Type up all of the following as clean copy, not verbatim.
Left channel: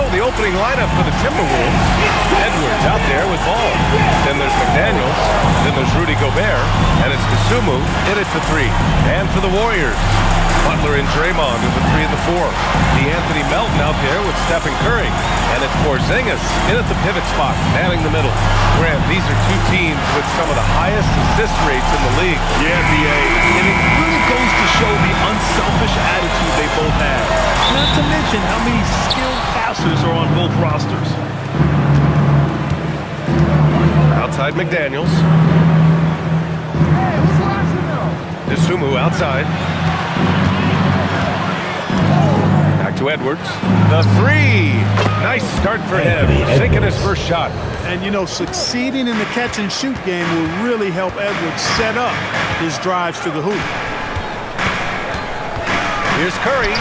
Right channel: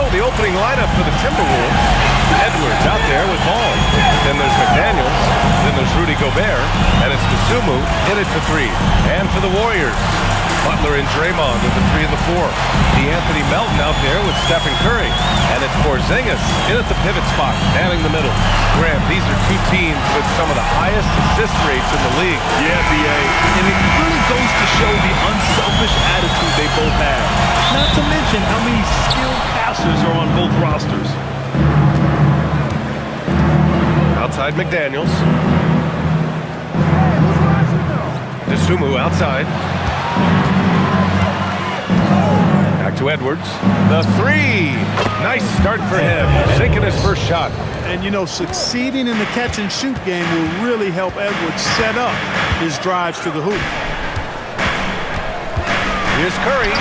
So the opening lineup for the Timberwolves. Edwards out there with ball. Then there's McDaniels. Then there's Rudy Gobert. And it's Dosunmu in at the 3. And for the Warriors, Butler and Draymond with the 3 and the 4. D'Anthony Melton out there with Stephen Curry. And it's Porzingis in at the pivot spot, manning the middle. Graham, these are two teams with some of the highest assist rates in the league. Yeah, B.A. And it really goes to show the unselfish attitude they both have. Not to mention how many skilled passers are on both rosters. Outside McDaniels. Dosunmu outside. Back to Edwards. The 3. Nice start for him. Sinking his first shot. And, you know, succeeding in the catch-and-shoot game will really help Edwards set up his drives to the hoop. Here's Curry.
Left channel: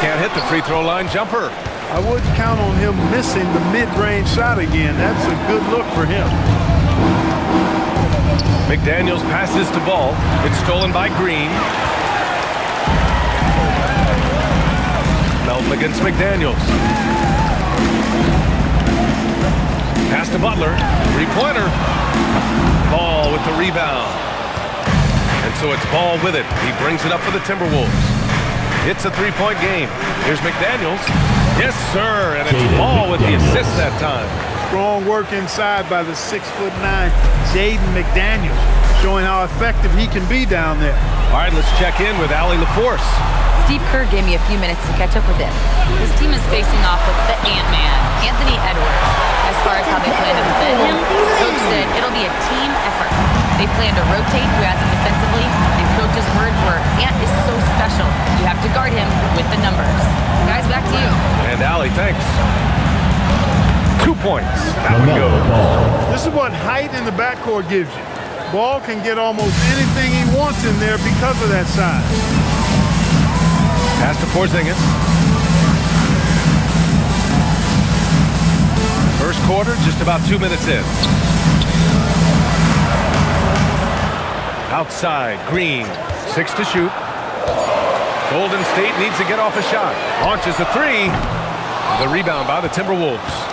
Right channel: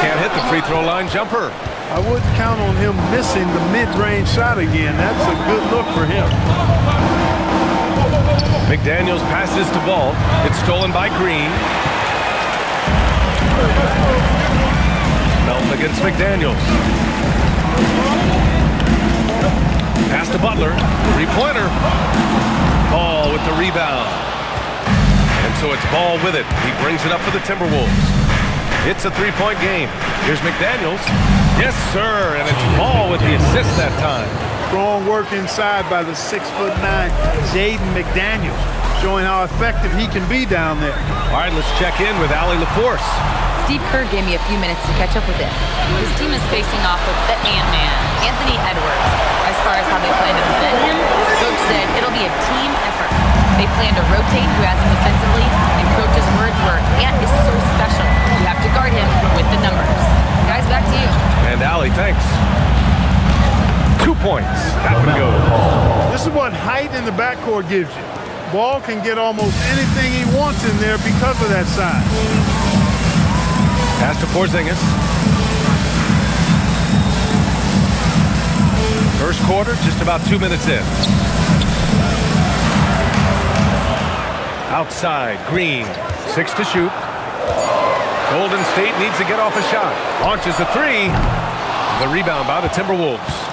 Can't hit the free throw line jumper. I wouldn't count on him missing the mid-range shot again. That's a good look for him. McDaniels passes to Ball. It's stolen by Green. Melton against McDaniels. Pass to Butler. Three-pointer. Ball with the rebound. And so it's Ball with it. He brings it up for the Timberwolves. It's a three-point game. Here's McDaniels. Yes, sir. And it's Ball with the assist that time. Strong work inside by the 6'9" Jaden McDaniels, showing how effective he can be down there. All right, let's check in with Allie LaForce. Steve Kerr gave me a few minutes to catch up with him. His team is facing off with the Ant-Man, Anthony Edwards. As far as how they plan to defend him, Coach said it'll be a team effort. They plan to rotate who has him defensively, and Coach's words were, Ant is so special. You have to guard him with the numbers. Guys, back to you. And Allie, thanks. 2 points. That one goes. This is what height in the backcourt gives you. Ball can get almost anything he wants in there because of that size. Pass to Porzingis. First quarter, just about 2 minutes in. Outside, Green. 6 to shoot. Golden State needs to get off a shot. Launches a 3. The rebound by the Timberwolves.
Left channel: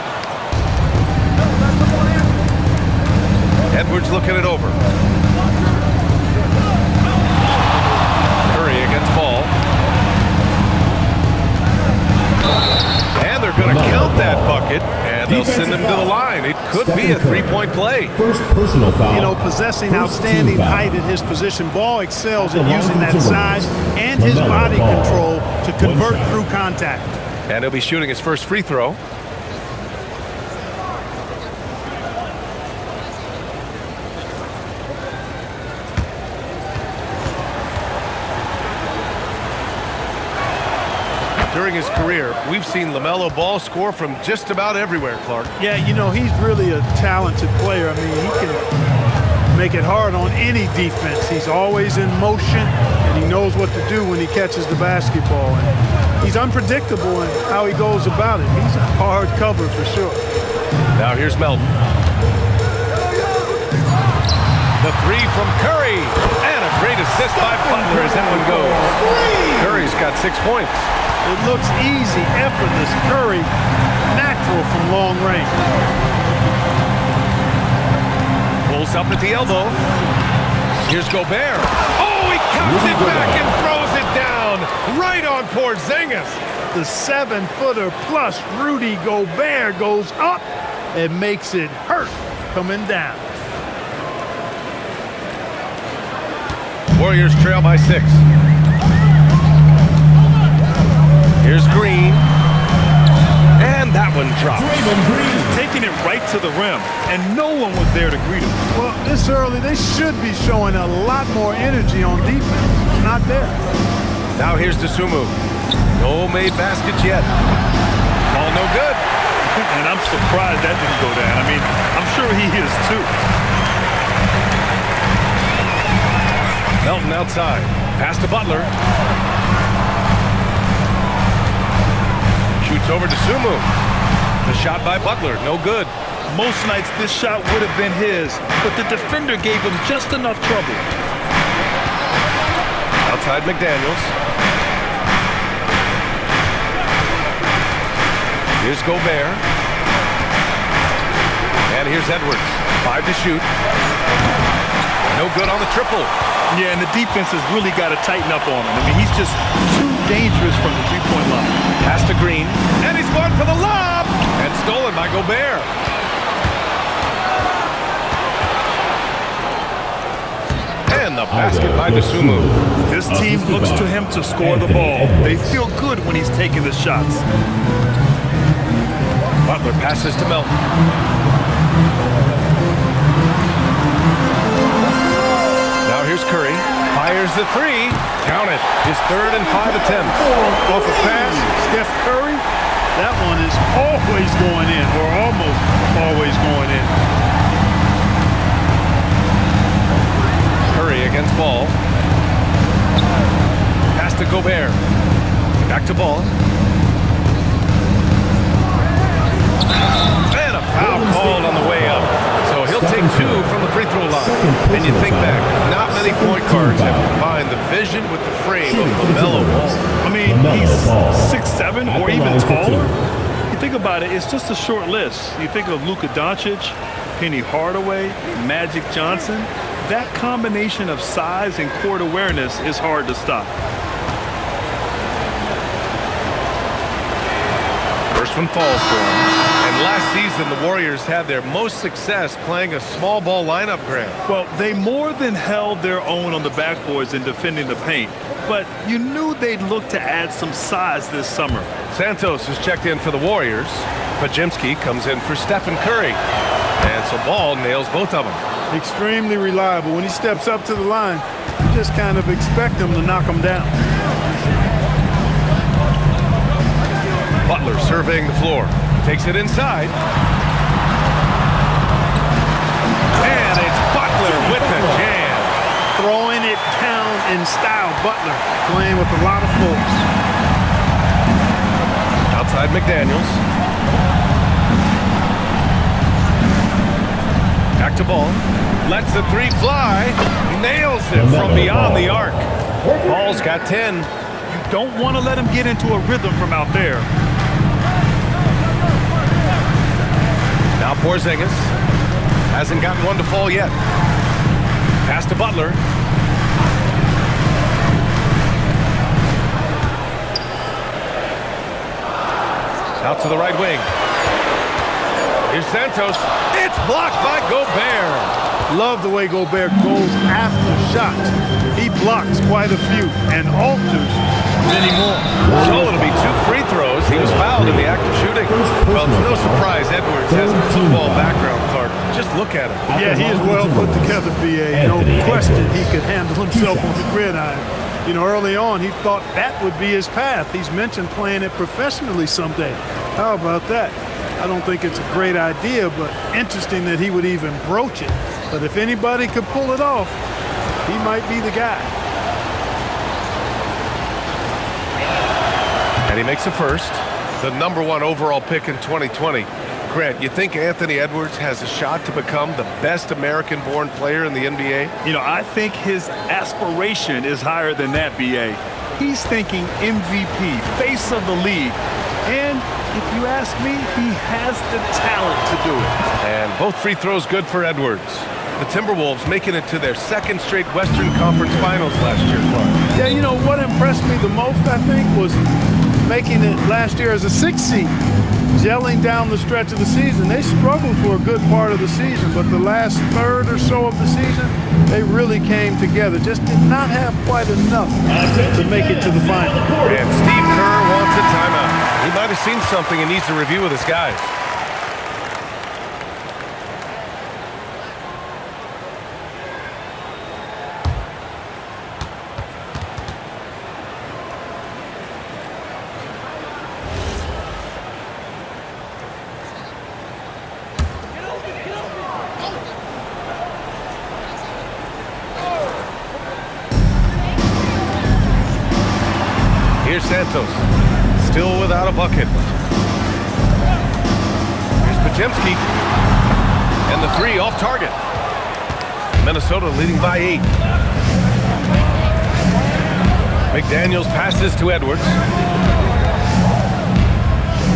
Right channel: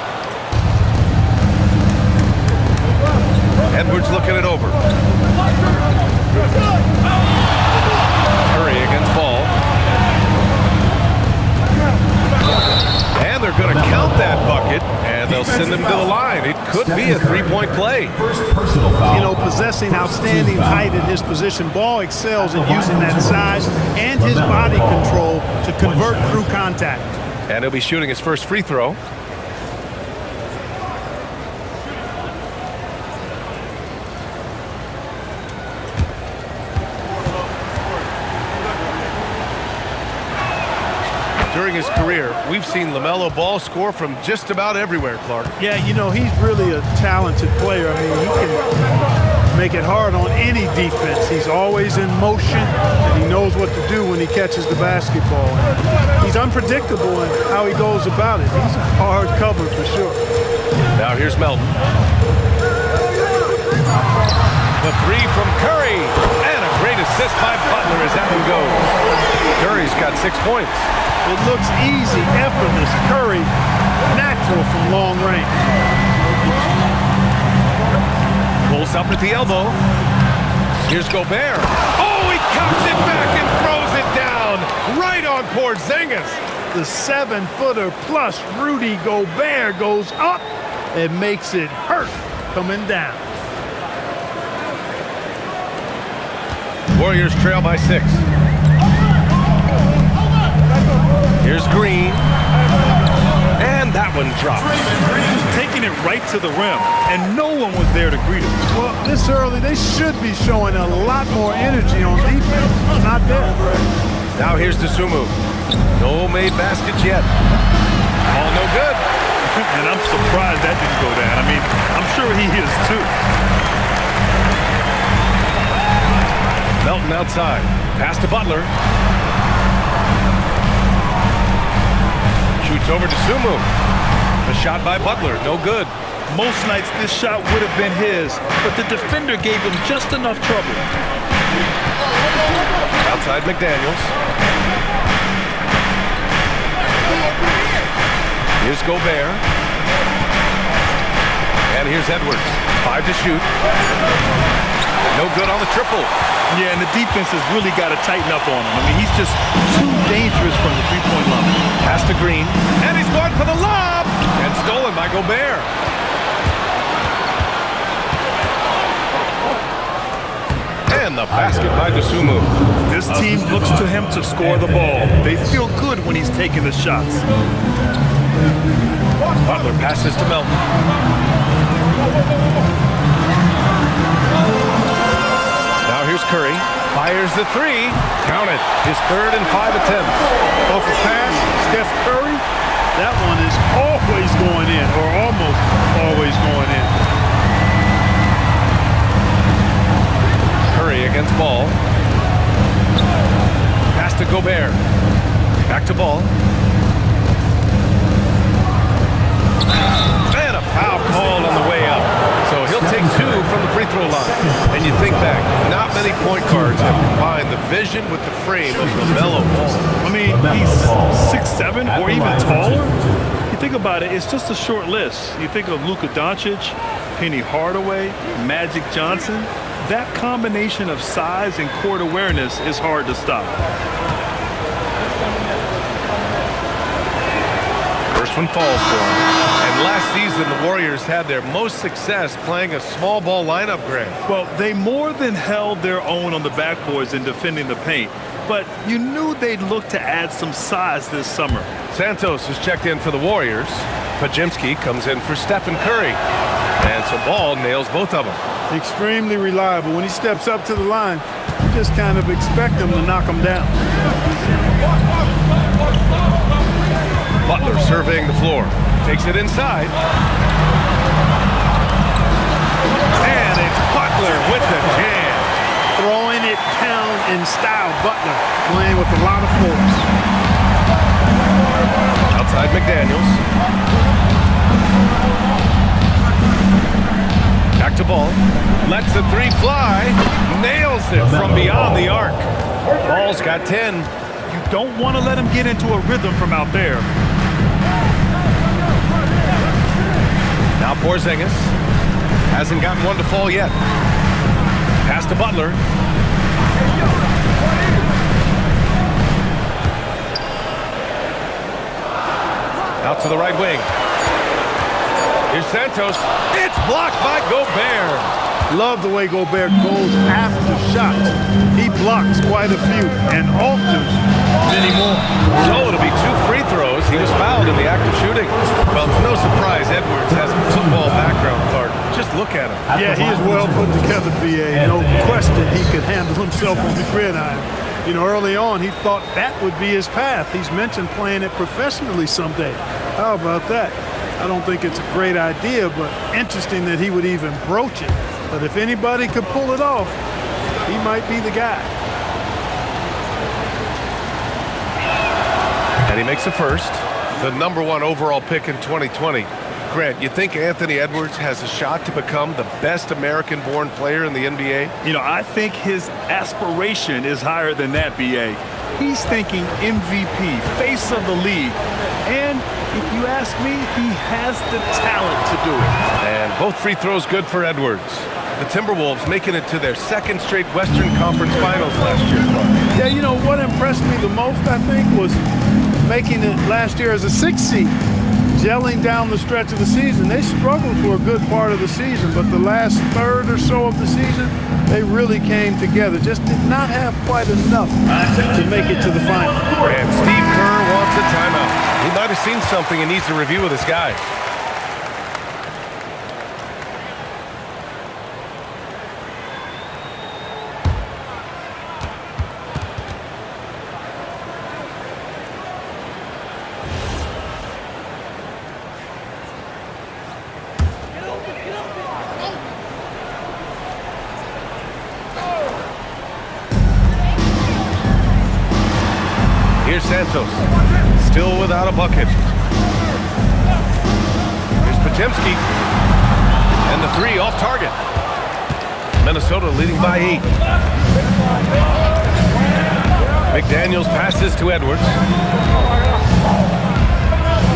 Edwards looking it over. Curry against Ball. And they're going to count that bucket, and they'll send him to the line. It could be a three-point play. First personal foul. You know, possessing outstanding height at his position, Ball excels at using that size and his body control to convert through contact. And he'll be shooting his first free throw. During his career, we've seen LaMelo Ball score from just about everywhere, Clark. Yeah, you know, he's really a talented player. I mean, he can make it hard on any defense. He's always in motion, and he knows what to do when he catches the basketball. And he's unpredictable in how he goes about it. He's a hard cover for sure. Now here's Melton. The 3 from Curry. And a great assist by Butler as that one goes. Curry's got 6 points. It looks easy, effortless. Curry, natural from long range. Pulls up at the elbow. Here's Gobert. Oh, he cocks it back and throws it down. Right on Porzingis. The 7-footer plus Rudy Gobert goes up and makes it hurt coming down. Warriors trail by 6. Here's Green. And that one drops. Just taking it right to the rim, and no one was there to greet him. Well, this early, they should be showing a lot more energy on defense. Not there. Now here's Dosunmu. No made baskets yet. Ball no good. And I'm surprised that didn't go down. I mean, I'm sure he is too. Melton outside. Pass to Butler. Shoots over to Dosunmu. The shot by Butler, no good. Most nights this shot would have been his, but the defender gave him just enough trouble. Outside McDaniels. Here's Gobert. And here's Edwards. 5 to shoot. No good on the triple. Yeah, and the defense has really got to tighten up on him. I mean, he's just too dangerous from the three-point line. Pass to Green. And he's going for the lob. And stolen by Gobert. And the basket by Dosunmu. This team looks to him to score the ball. They feel good when he's taking the shots. Butler passes to Melton. Now here's Curry. Fires the three. Count it. His 3rd and 5 attempts. Off a pass, Steph Curry, that one is always going in, or almost always going in. Curry against Ball. Pass to Gobert. Back to Ball. And a foul called on the way up. So he'll take 2 from the free throw line. And you think back, not many point guards have combined the vision with the frame of LaMelo Ball. I mean, he's 6'7" or even taller. You think about it, it's just a short list. You think of Luka Doncic, Penny Hardaway, Magic Johnson. That combination of size and court awareness is hard to stop. First one falls for him. And last season, the Warriors had their most success playing a small ball lineup, Grant. Well, they more than held their own on the backboards in defending the paint. But you knew they'd look to add some size this summer. Santos is checked in for the Warriors. Pajemski comes in for Stephen Curry. And so Ball nails both of them. Extremely reliable. When he steps up to the line, you just kind of expect him to knock him down. Butler surveying the floor. Takes it inside. And it's Butler with the jam. Throwing it down in style. Butler playing with a lot of force. Outside McDaniels. Back to Ball. Lets the three fly. Nails it from beyond the arc. Ball's got 10. You don't want to let him get into a rhythm from out there. Now Porzingis. Hasn't gotten one to fall yet. Pass to Butler. Out to the right wing. Here's Santos. It's blocked by Gobert. Love the way Gobert goes after shots. He blocks quite a few and alters many more. So it'll be 2 free throws. He was fouled in the act of shooting. Well, it's no surprise Edwards has a football background, Clark. Just look at him. Yeah, he is well put together, B.A. No question he could handle himself on the gridiron. You know, early on, he thought that would be his path. He's mentioned playing it professionally someday. How about that? I don't think it's a great idea, but interesting that he would even broach it. But if anybody could pull it off, he might be the guy. And he makes the first. The #1 overall pick in 2020. Grant, you think Anthony Edwards has a shot to become the best American-born player in the NBA? You know, I think his aspiration is higher than that, B.A. He's thinking MVP, face of the league. And if you ask me, he has the talent to do it. And both free throws good for Edwards. The Timberwolves making it to their 2nd straight Western Conference Finals last year, Clark. Yeah, you know, what impressed me the most, I think, was making it last year as a 6th seed. Gelling down the stretch of the season. They struggled for a good part of the season, but the last third or so of the season, they really came together. Just did not have quite enough to make it to the final. And Steve Kerr wants a timeout. He might have seen something and needs to review with his guys. Here's Santos, still without a bucket. Here's Pajemski, and the 3 off target. Minnesota leading by 8. McDaniels passes to Edwards.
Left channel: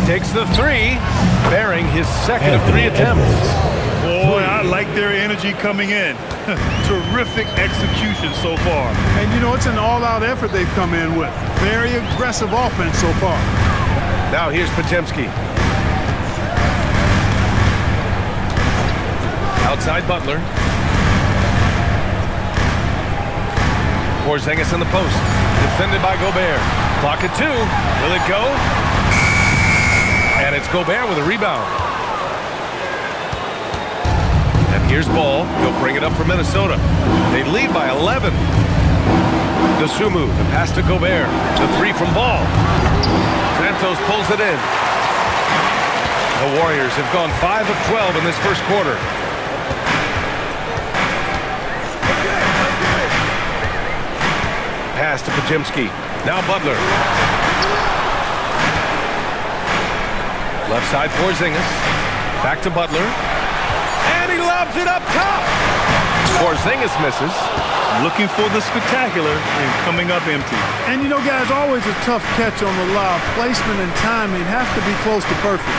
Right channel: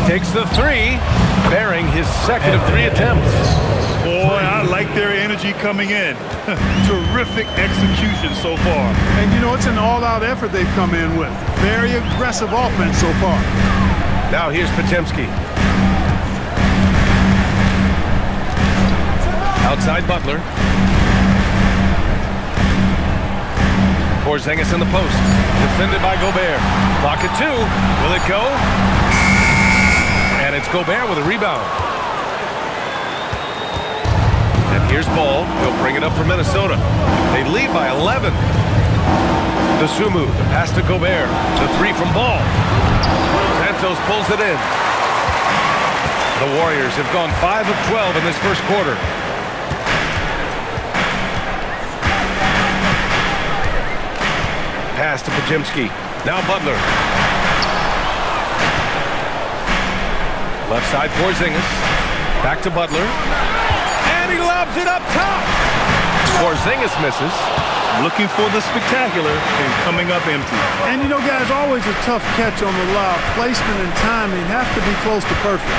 takes the three, bearing his second of 3 attempts. Boy, I like their energy coming in. Terrific execution so far. And, you know, it's an all-out effort they've come in with. Very aggressive offense so far. Now here's Podziemski. Outside Butler. Porzingis in the post. Defended by Gobert. Clock at 2. Will it go? And it's Gobert with a rebound. And here's Ball. He'll bring it up for Minnesota. They lead by 11. Dosunmu, the pass to Gobert. The 3 from Ball. Santos pulls it in. The Warriors have gone 5 of 12 in this first quarter. Pass to Podziemski. Now Butler. Left side Porzingis. Back to Butler. And he lobs it up top. Porzingis misses. Looking for the spectacular and coming up empty. And, you know, guys, always a tough catch on the lob. Placement and timing have to be close to perfect.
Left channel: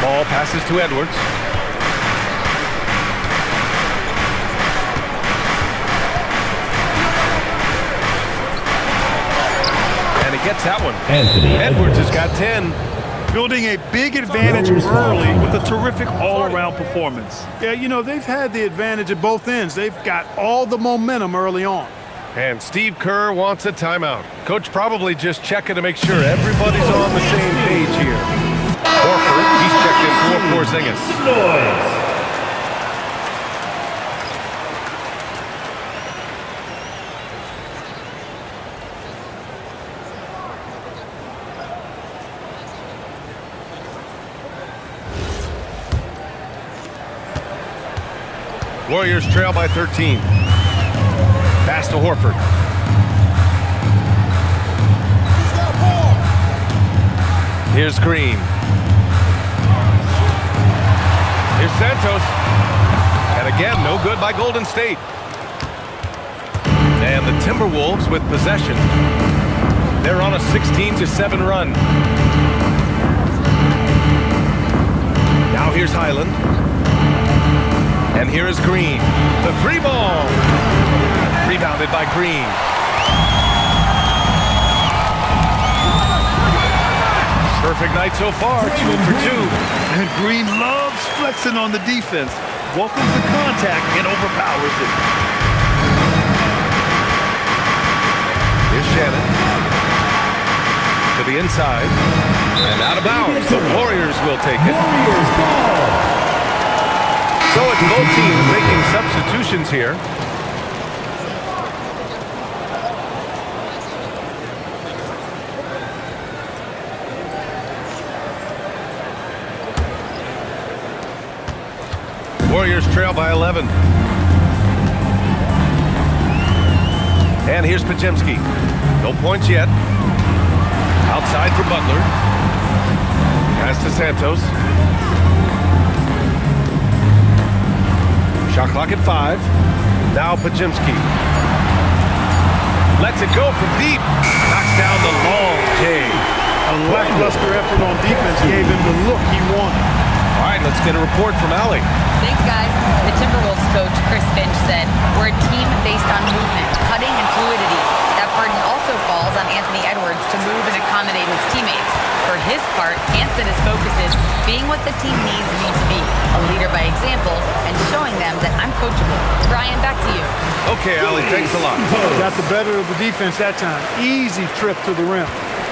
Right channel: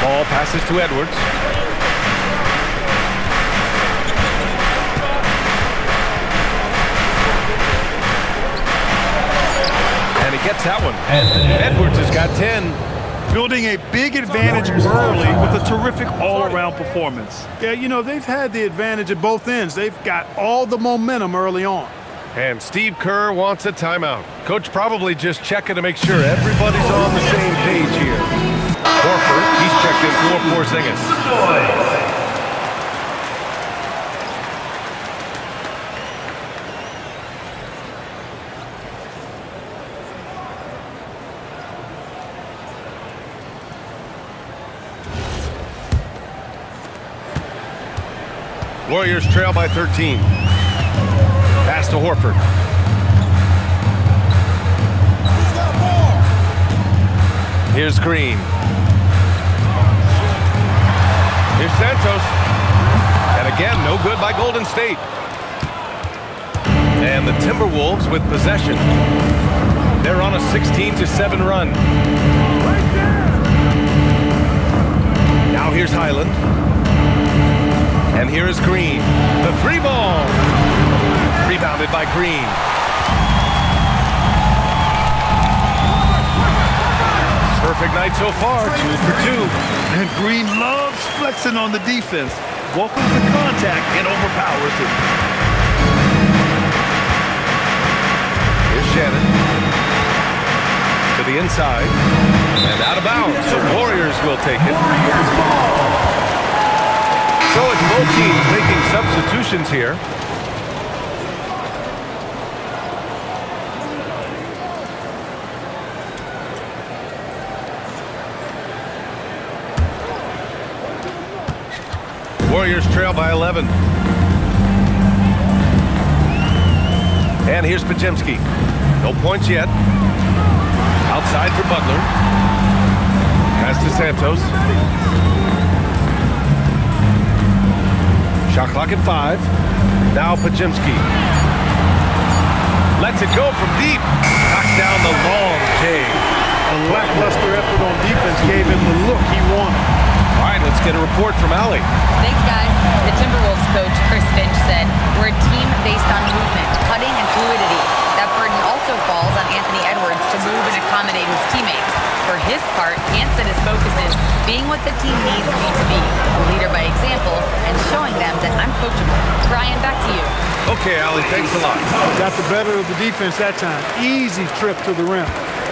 Ball passes to Edwards. And he gets that one. Edwards has got 10. Building a big advantage early with a terrific all-around performance. Yeah, you know, they've had the advantage at both ends. They've got all the momentum early on. And Steve Kerr wants a timeout. Coach probably just checking to make sure everybody's on the same page here. Horford, he's checked in for Porzingis. Warriors trail by 13. Pass to Horford. Here's Green. Here's Santos. And again, no good by Golden State. And the Timberwolves with possession. They're on a 16-7 run. Now here's Highland. And here is Green. The 3 ball. Rebounded by Green. Perfect night so far, 2 for 2. And Green loves flexing on the defense. Welcomes the contact and overpowers it. Here's Shannon. To the inside. And out of bounds. The Warriors will take it. So it's both teams making substitutions here. Warriors trail by 11. And here's Podziemski. No points yet. Outside for Butler. Pass to Santos. Shot clock at 5. Now Podziemski. Lets it go from deep. Knocks down the long J. A lackluster effort on defense gave him the look he wanted. All right, let's get a report from Allie. Thanks, guys. The Timberwolves coach, Chris Finch, said, "We're a team based on movement, cutting, and fluidity. That burden also falls on Anthony Edwards to move and accommodate his teammates. For his part, Ant said his focus is being what the team needs me to be, a leader by example, and showing them that I'm coachable." Brian, back to you. Okay, Allie, thanks a lot. Got the better of the defense that time. Easy trip to the rim.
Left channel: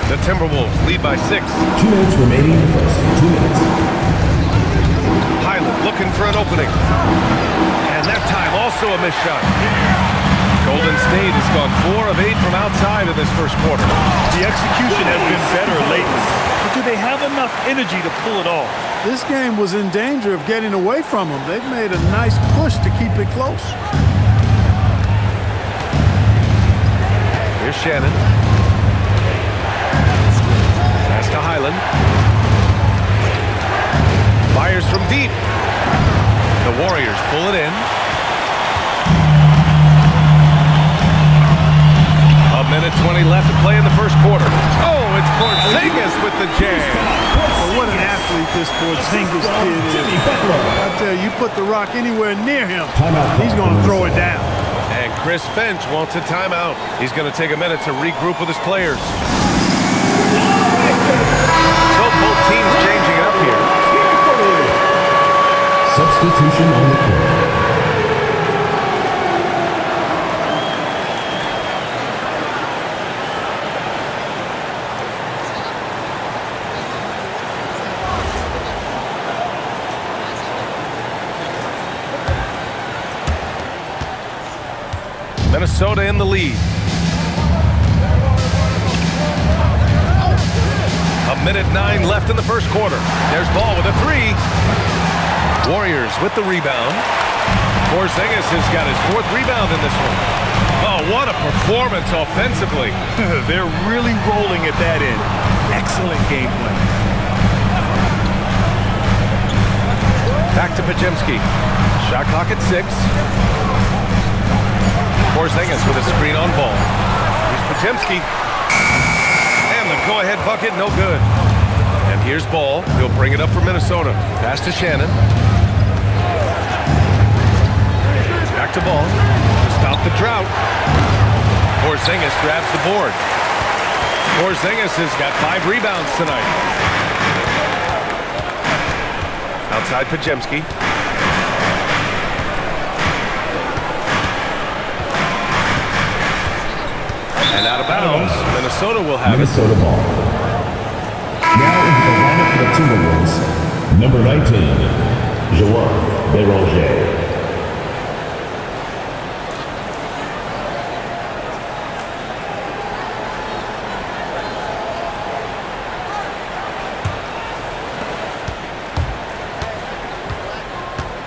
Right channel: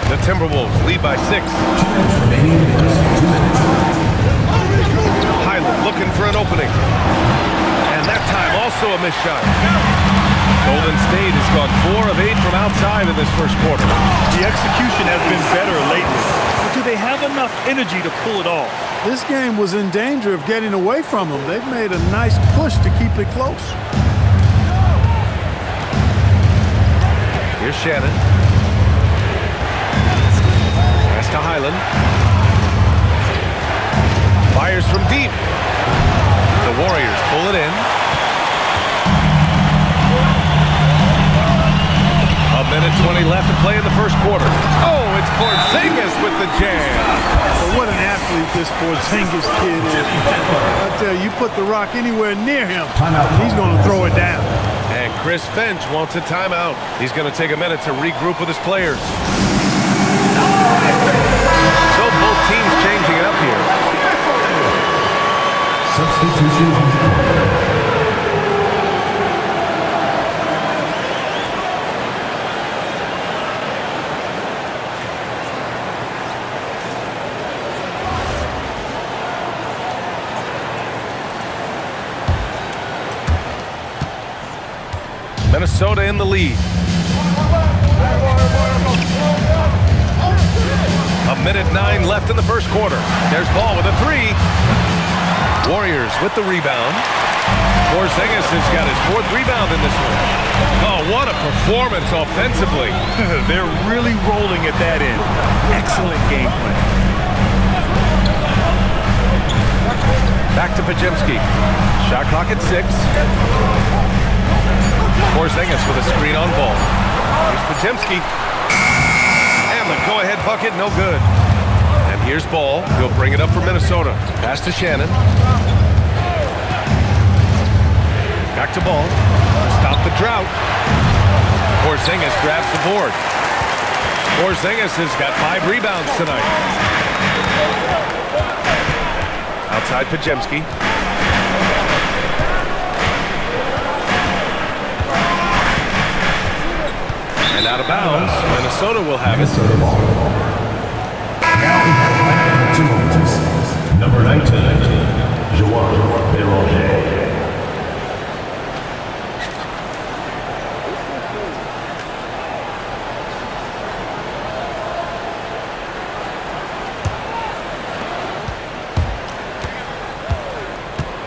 The Timberwolves lead by 6. 2 minutes remaining in the first 2 minutes. Highland looking for an opening. And that time also a missed shot. Golden State has gone 4 of 8 from outside in this first quarter. The execution has been better lately. But do they have enough energy to pull it off? This game was in danger of getting away from them. They've made a nice push to keep it close. Here's Shannon. Pass to Highland. Fires from deep. The Warriors pull it in. A 1:20 left to play in the first quarter. Oh, it's Porzingis with the jam. Well, what an athlete this Porzingis kid is. I tell you, you put the rock anywhere near him, and he's going to throw it down. And Chris Finch wants a timeout. He's going to take a minute to regroup with his players. So both teams changing it up here. Substitution on the court. Minnesota in the lead. 1:09 left in the first quarter. There's Ball with a three. Warriors with the rebound. Porzingis has got his 4th rebound in this one. Oh, what a performance offensively. They're really rolling at that end. Excellent game plan. Back to Podziemski. Shot clock at 6. Porzingis with a screen on Ball. Here's Podziemski. And the go-ahead bucket, no good. And here's Ball. He'll bring it up for Minnesota. Pass to Shannon. Back to Ball to stop the drought. Porzingis grabs the board. Porzingis has got 5 rebounds tonight. Outside Podziemski. And out of bounds, Minnesota will have Minnesota ball. Now in the lineup for the Timberwolves, number 19, João Béranger.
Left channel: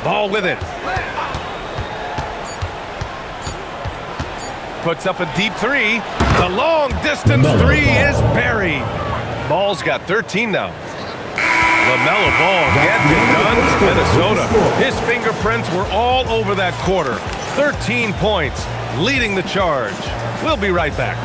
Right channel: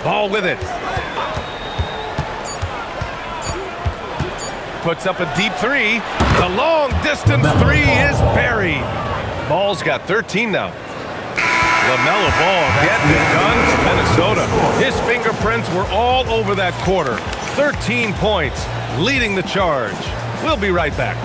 Ball with it. Puts up a deep three. The long distance three is buried. Ball's got 13 now. LaMelo Ball getting it done for Minnesota. His fingerprints were all over that quarter. 13 points, leading the charge. We'll be right back.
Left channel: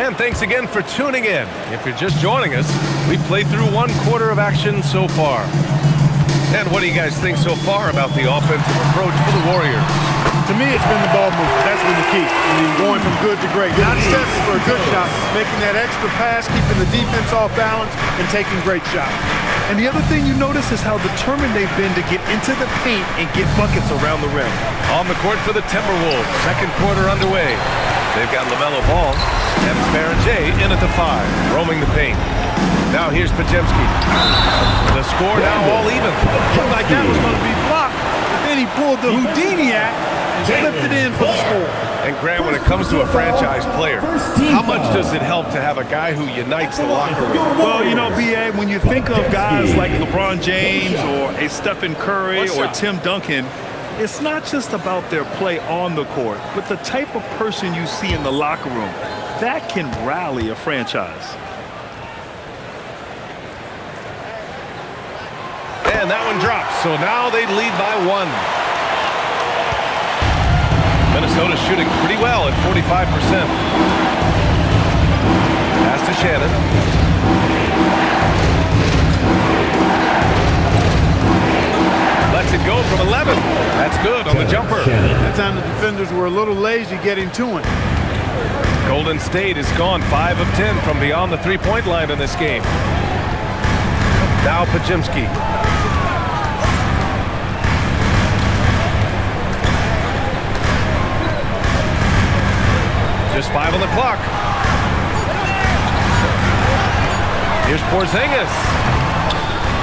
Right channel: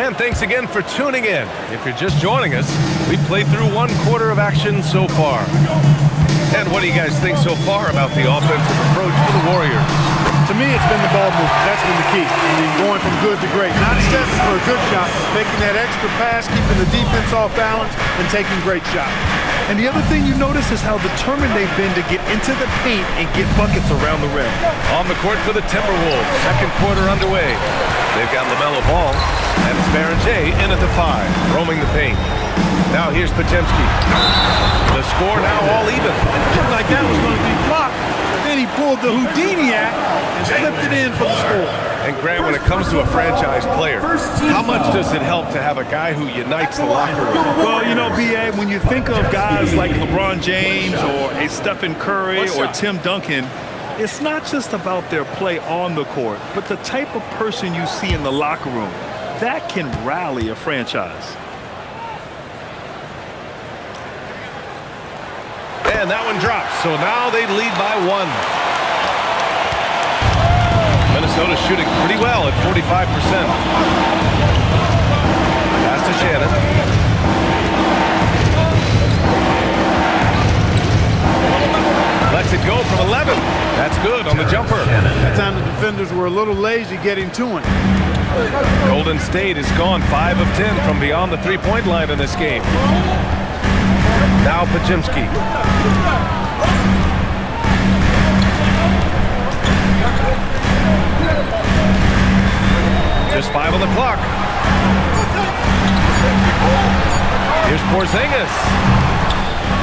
And thanks again for tuning in. If you're just joining us, we've played through 1 quarter of action so far. And what do you guys think so far about the offensive approach for the Warriors? To me, it's been the ball movement. That's been the key. I mean, going from good to great. Not stepping for a good shot, making that extra pass, keeping the defense off balance, and taking great shots. And the other thing you notice is how determined they've been to get into the paint and get buckets around the rim. On the court for the Timberwolves, 2nd quarter underway. They've got LaMelo Ball, and it's Béranger in at the 5, roaming the paint. Now here's Podziemski. The score now all even. Looked like that was going to be blocked, but then he pulled the Houdini act and slipped it in for the score. And Grant, when it comes to a franchise player, how much does it help to have a guy who unites the locker room? Well, you know, B.A., when you think of guys like LeBron James or a Stephen Curry or Tim Duncan, it's not just about their play on the court, but the type of person you see in the locker room. That can rally a franchise. And that one drops, so now they lead by 1. Minnesota shooting pretty well at 45%. Pass to Shannon. Lets it go from 11. That's good on the jumper. That time the defenders were a little lazy getting to him. Golden State has gone 5 of 10 from beyond the 3-point line in this game. Now Podziemski. Just 5 on the clock. Here's Porzingis.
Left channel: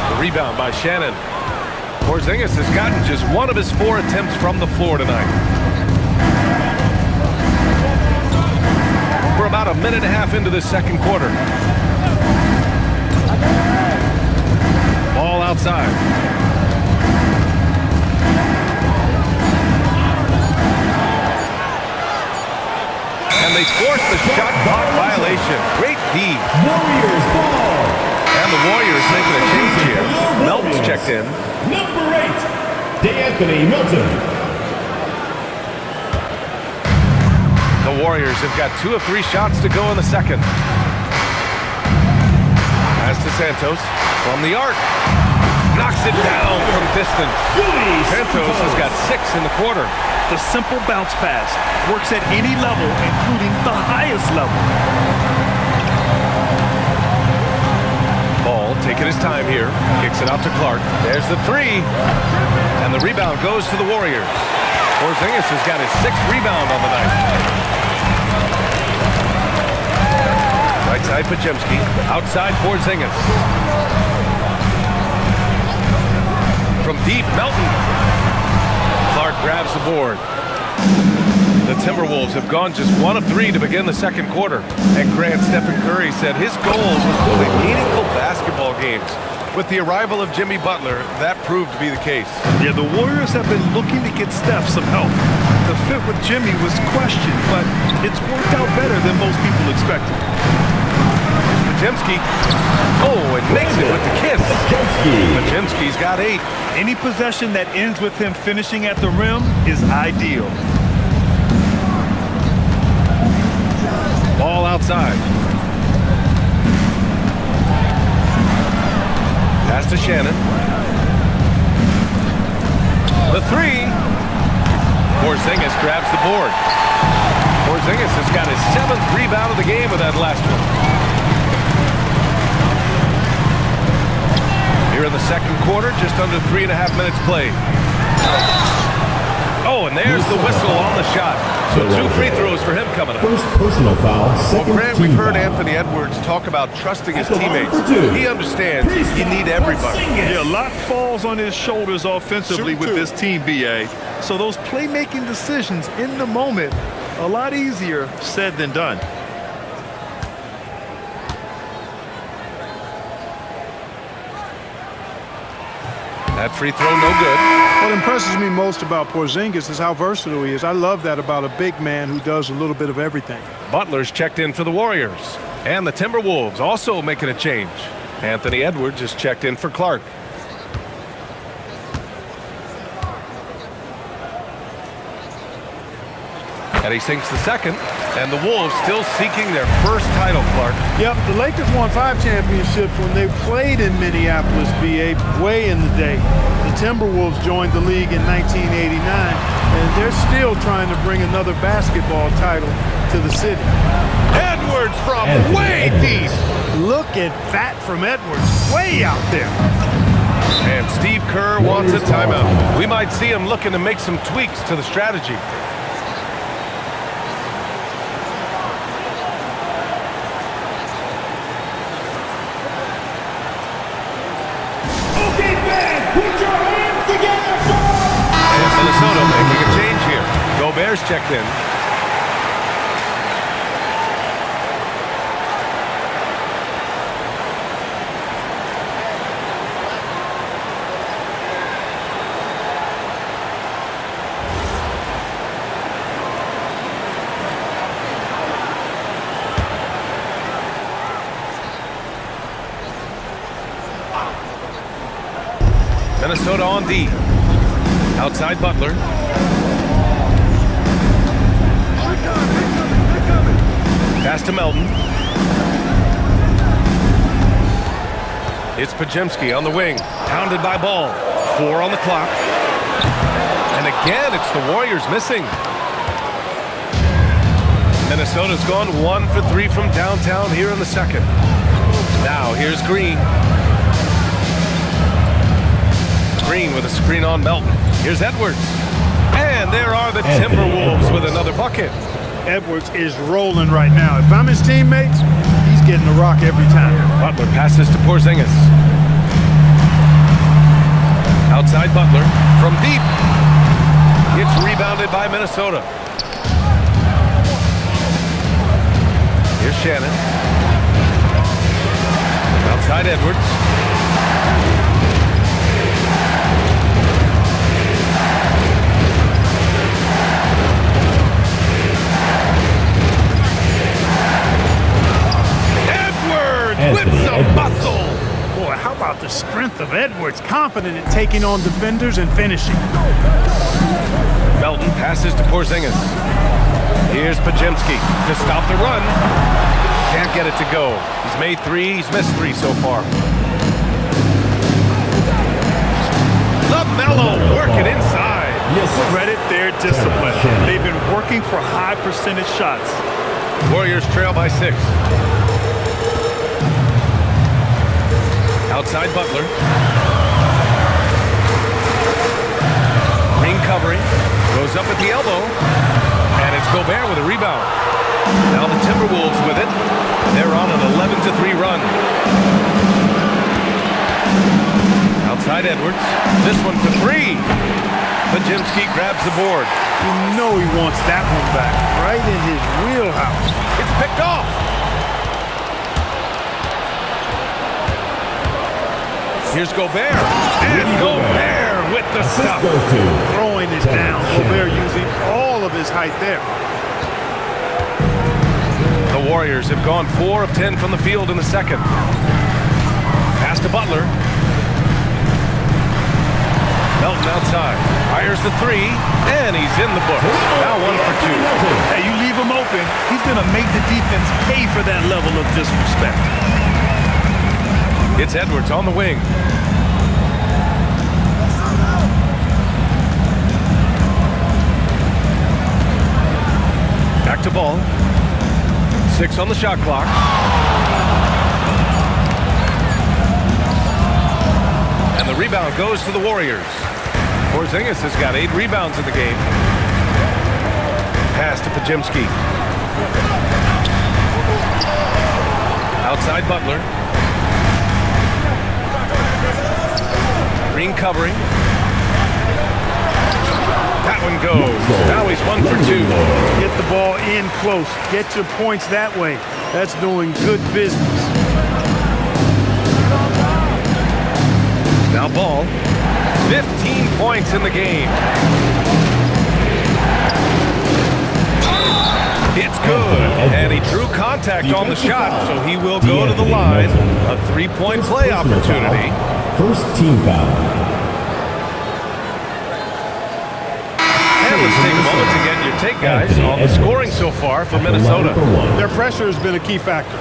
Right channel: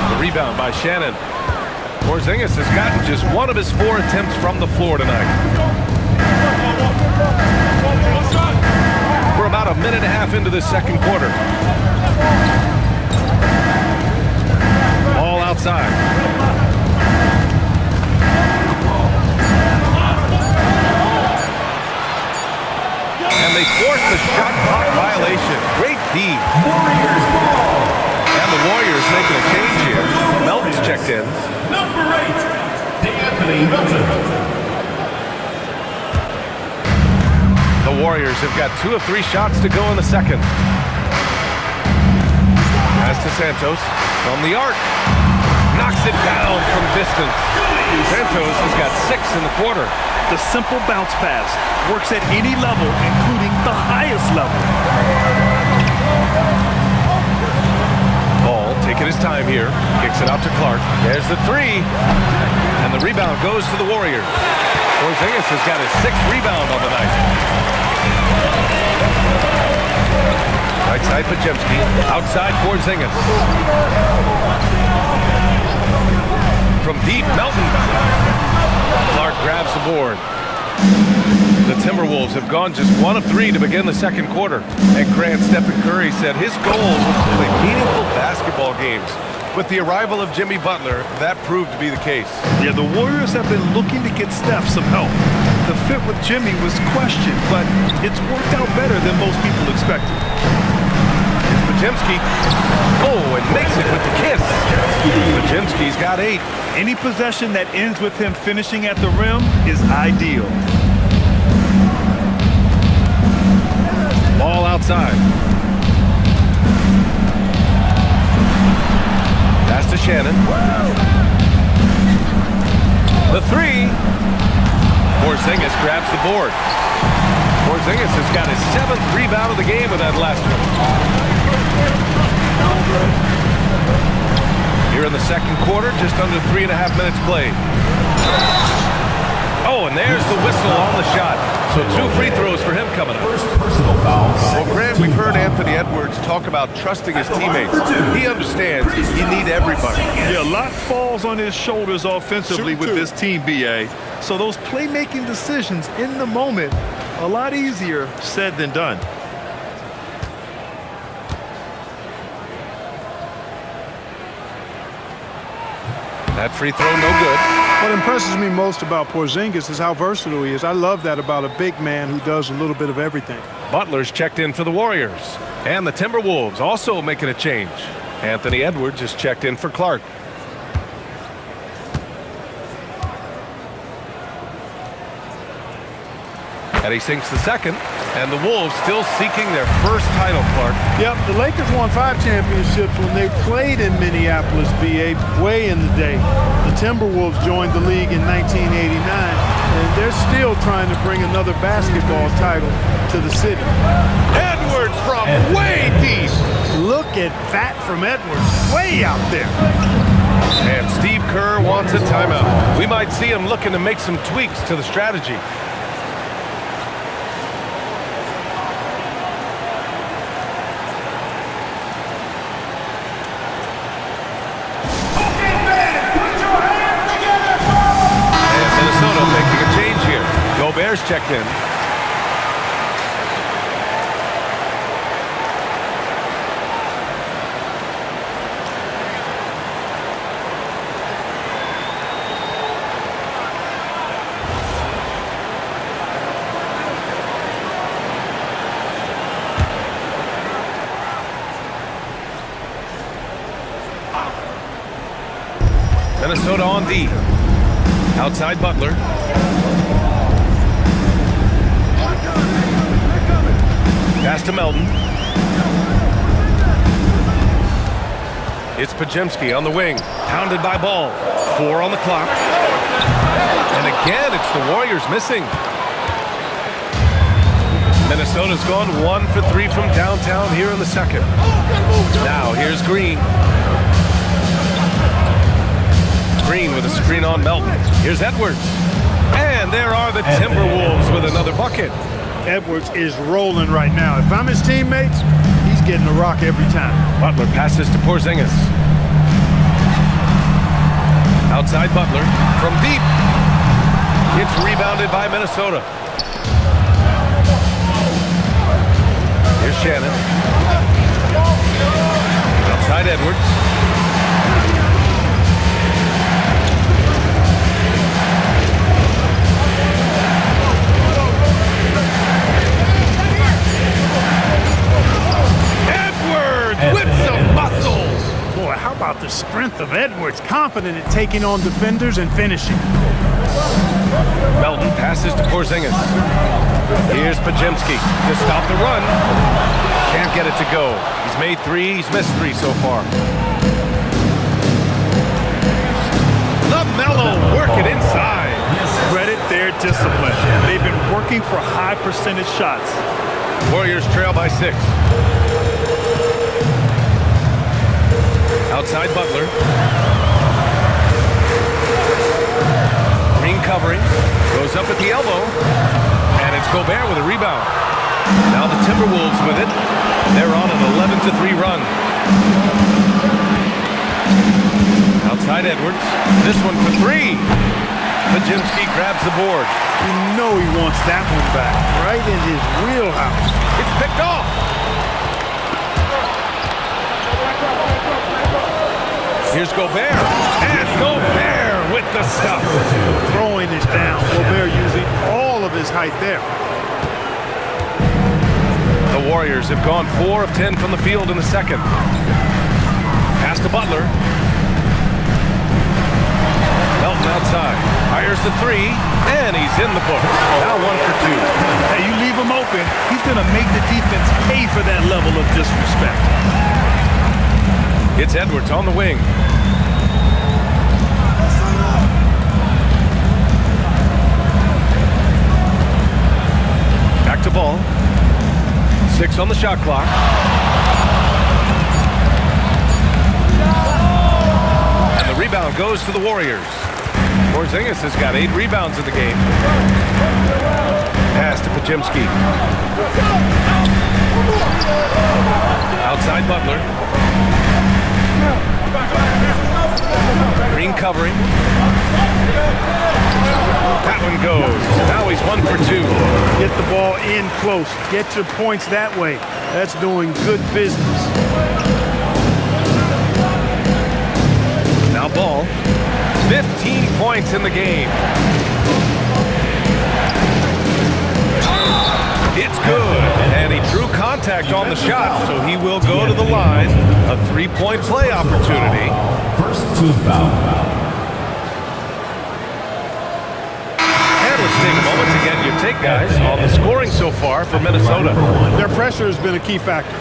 The rebound by Shannon. Porzingis has gotten just 1 of his 4 attempts from the floor tonight. We're about a minute and a half into the 2nd quarter. Ball outside. And they forced the shot clock violation. Great D. Warriors ball. And the Warriors making a change here. Melton's checked in. Number 8, D'Anthony Melton. The Warriors have got 2 of 3 shots to go in the second. Pass to Santos from the arc. Knocks it down from distance. Santos has got 6 in the quarter. The simple bounce pass works at any level, including the highest level. Ball taking his time here. Kicks it out to Clark. There's the 3. And the rebound goes to the Warriors. Porzingis has got his 6th rebound on the night. Right side Pajemski. Outside Porzingis. From deep, Melton. Clark grabs the board. The Timberwolves have gone just 1 of 3 to begin the second quarter. And Grant Stephen Curry said his goal was to play meaningful basketball games. With the arrival of Jimmy Butler, that proved to be the case. Yeah, the Warriors have been looking to get Steph some help. The fit with Jimmy was questioned, but it's worked out better than most people expected. Here's Pajemski. Oh, and makes it with the kiss. Pajemski's got 8. Any possession that ends with him finishing at the rim is ideal. Ball outside. Pass to Shannon. The 3. Porzingis grabs the board. Porzingis has got his 7th rebound of the game with that last one. Here in the second quarter, just under 3.5 minutes played. Oh, and there's the whistle on the shot. So 2 free throws for him coming up. First personal foul. Well, Grant, we've heard Anthony Edwards talk about trusting his teammates. He understands you need everybody. Yeah, a lot falls on his shoulders offensively with this team, BA. So those playmaking decisions in the moment, a lot easier said than done. That free throw, no good. What impresses me most about Porzingis is how versatile he is. I love that about a big man who does a little bit of everything. Butler's checked in for the Warriors. And the Timberwolves also making a change. Anthony Edwards is checked in for Clark. And he sinks the second. And the Wolves still seeking their first title, Clark. Yep, the Lakers won 5 championships when they played in Minneapolis, BA, way in the day. The Timberwolves joined the league in 1989, and they're still trying to bring another basketball title to the city. Edwards from way deep. Look at that from Edwards, way out there. And Steve Kerr wants a timeout. We might see him looking to make some tweaks to the strategy. Minnesota making a change here. Gobert's checked in. Minnesota on D. Outside Butler. Pass to Melton. It's Pajemski on the wing. Pounded by Ball. 4 on the clock. And again, it's the Warriors missing. Minnesota's gone 1 for 3 from downtown here in the second. Now here's Green. Green with a screen on Melton. Here's Edwards. And there are the Timberwolves with another bucket. Edwards is rolling right now. If I'm his teammates, he's getting the rock every time. Butler passes to Porzingis. Outside Butler from deep. It's rebounded by Minnesota. Here's Shannon. Outside Edwards. with some muscle. Boy, how about the strength of Edwards? Confident at taking on defenders and finishing. Melton passes to Porzingis. Here's Pajemski to stop the run. Can't get it to go. He's made 3, he's missed 3 so far. LaMelo working inside. Credit their discipline. They've been working for high percentage shots. Warriors trail by 6. Outside Butler. Green covering. Goes up at the elbow. And it's Gobert with a rebound. Now the Timberwolves with it. They're on an 11-3 run. Outside Edwards. This one for 3. Pajemski grabs the board. You know he wants that one back. Right in his wheelhouse. It's picked off. Here's Gobert. And Gobert with the stuff. Throwing it down. Gobert using all of his height there. The Warriors have gone 4 of 10 from the field in the second. Pass to Butler. Melton outside. Fires the 3. And he's in the books. Now 1 for 2. Hey, you leave him open, he's going to make the defense pay for that level of disrespect. It's Edwards on the wing. Back to ball. 6 on the shot clock. And the rebound goes to the Warriors. Porzingis has got 8 rebounds in the game. Pass to Pajemski. Outside Butler. Green covering. That one goes. Now he's 1 for 2. Get the ball in close. Get your points that way. That's doing good business. Now Ball. 15 points in the game. It's good. And he drew contact on the shot, so he will go to the line. A 3-point play opportunity. First team foul. And let's take a moment to get your take, guys, on the scoring so far for Minnesota. Their pressure has been a key factor.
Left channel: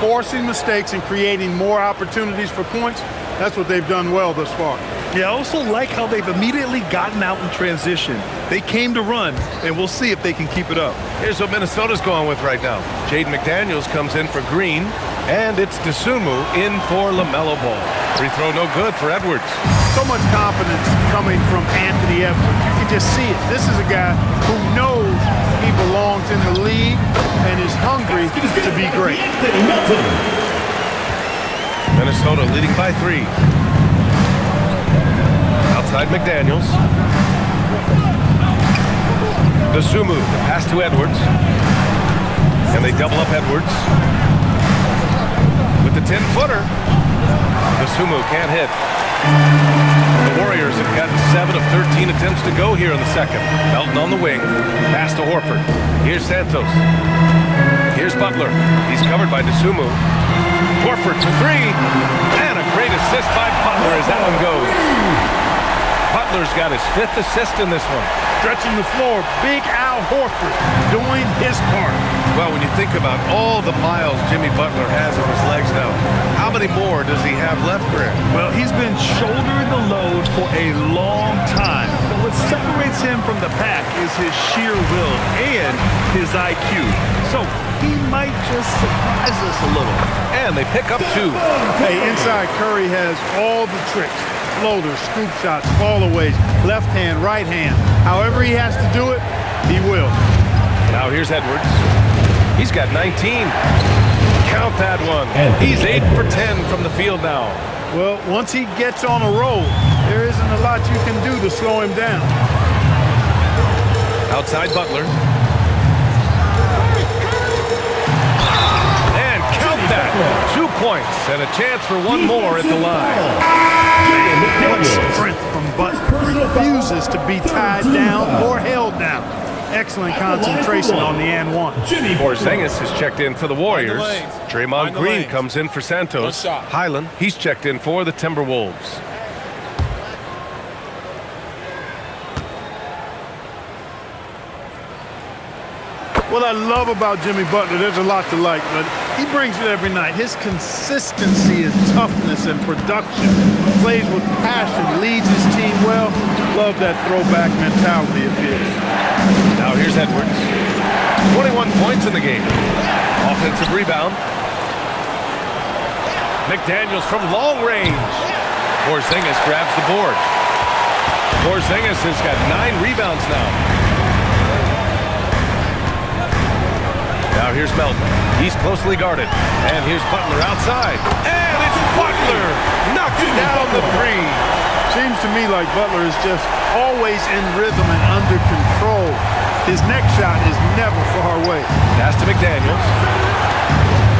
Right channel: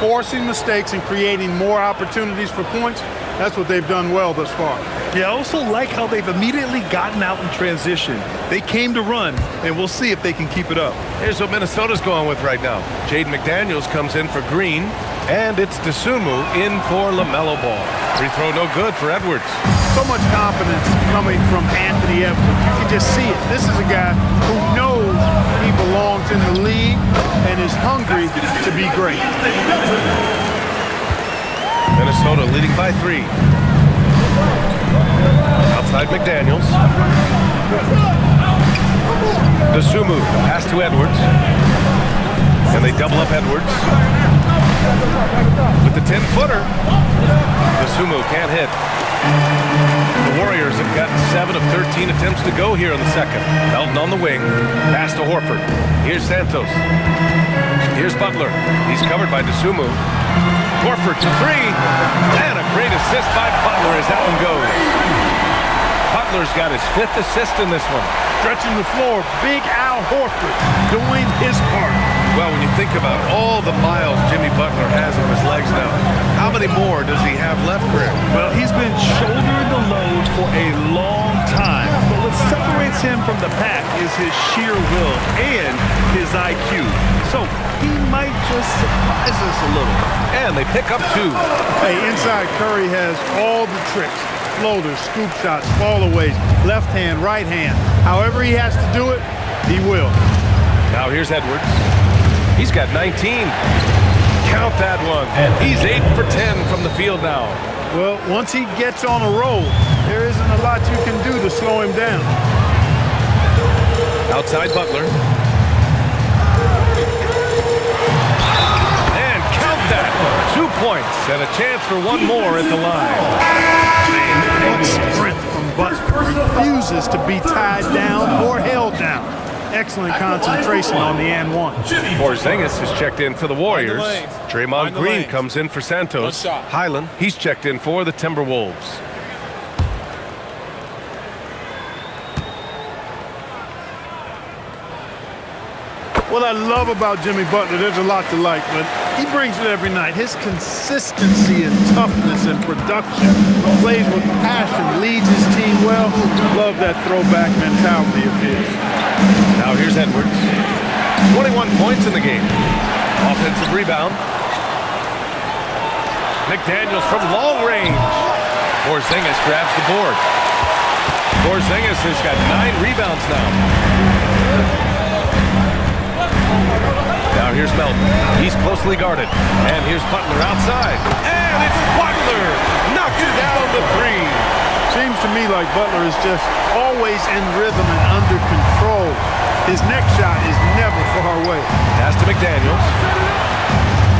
Forcing mistakes and creating more opportunities for points. That's what they've done well thus far. Yeah, I also like how they've immediately gotten out in transition. They came to run, and we'll see if they can keep it up. Here's what Minnesota's going with right now. Jaden McDaniels comes in for Green, and it's Dosunmu in for LaMelo Ball. Free throw no good for Edwards. So much confidence coming from Anthony Edwards. You can just see it. This is a guy who knows he belongs in the league and is hungry to be great. Minnesota leading by 3. Outside McDaniels. Dosunmu, the pass to Edwards. And they double up Edwards. With the 10-footer. Dosunmu can't hit. The Warriors have gotten 7 of 13 attempts to go here in the second. Melton on the wing. Pass to Horford. Here's Santos. Here's Butler. He's covered by Dosunmu. Horford for 3. And a great assist by Butler as that one goes. Butler's got his 5th assist in this one. Stretching the floor. Big Al Horford doing his part. Well, when you think about all the miles Jimmy Butler has on his legs now, how many more does he have left, Greg? Well, he's been shouldering the load for a long time. But what separates him from the pack is his sheer will and his IQ. So he might just surprise us a little. And they pick up 2. Hey, inside Curry has all the tricks. Floaters, scoop shots, fallaways, left hand, right hand. However he has to do it, he will. Now here's Edwards. He's got 19. Count that one. He's 8 for 10 from the field now. Well, once he gets on a roll, there isn't a lot you can do to slow him down. Outside Butler. And count that. 2 points and a chance for 1 more at the line. Man, what strength from Butler. Refuses to be tied down or held down. excellent concentration on the and one. Porzingis is checked in for the Warriors. Draymond Green comes in for Santos. One shot. Highland, he's checked in for the Timberwolves. What I love about Jimmy Butler, there's a lot to like, but he brings it every night. His consistency and toughness and production, plays with passion, leads his team well. Love that throwback mentality of his. Now here's Edwards. 21 points in the game. Offensive rebound. McDaniels from long range. Porzingis grabs the board. Porzingis has got 9 rebounds now. Now here's Melton. He's closely guarded. And here's Butler outside. And it's Butler knocking down the 3. Seems to me like Butler is just always in rhythm and under control. His next shot is never far away. Pass to McDaniels.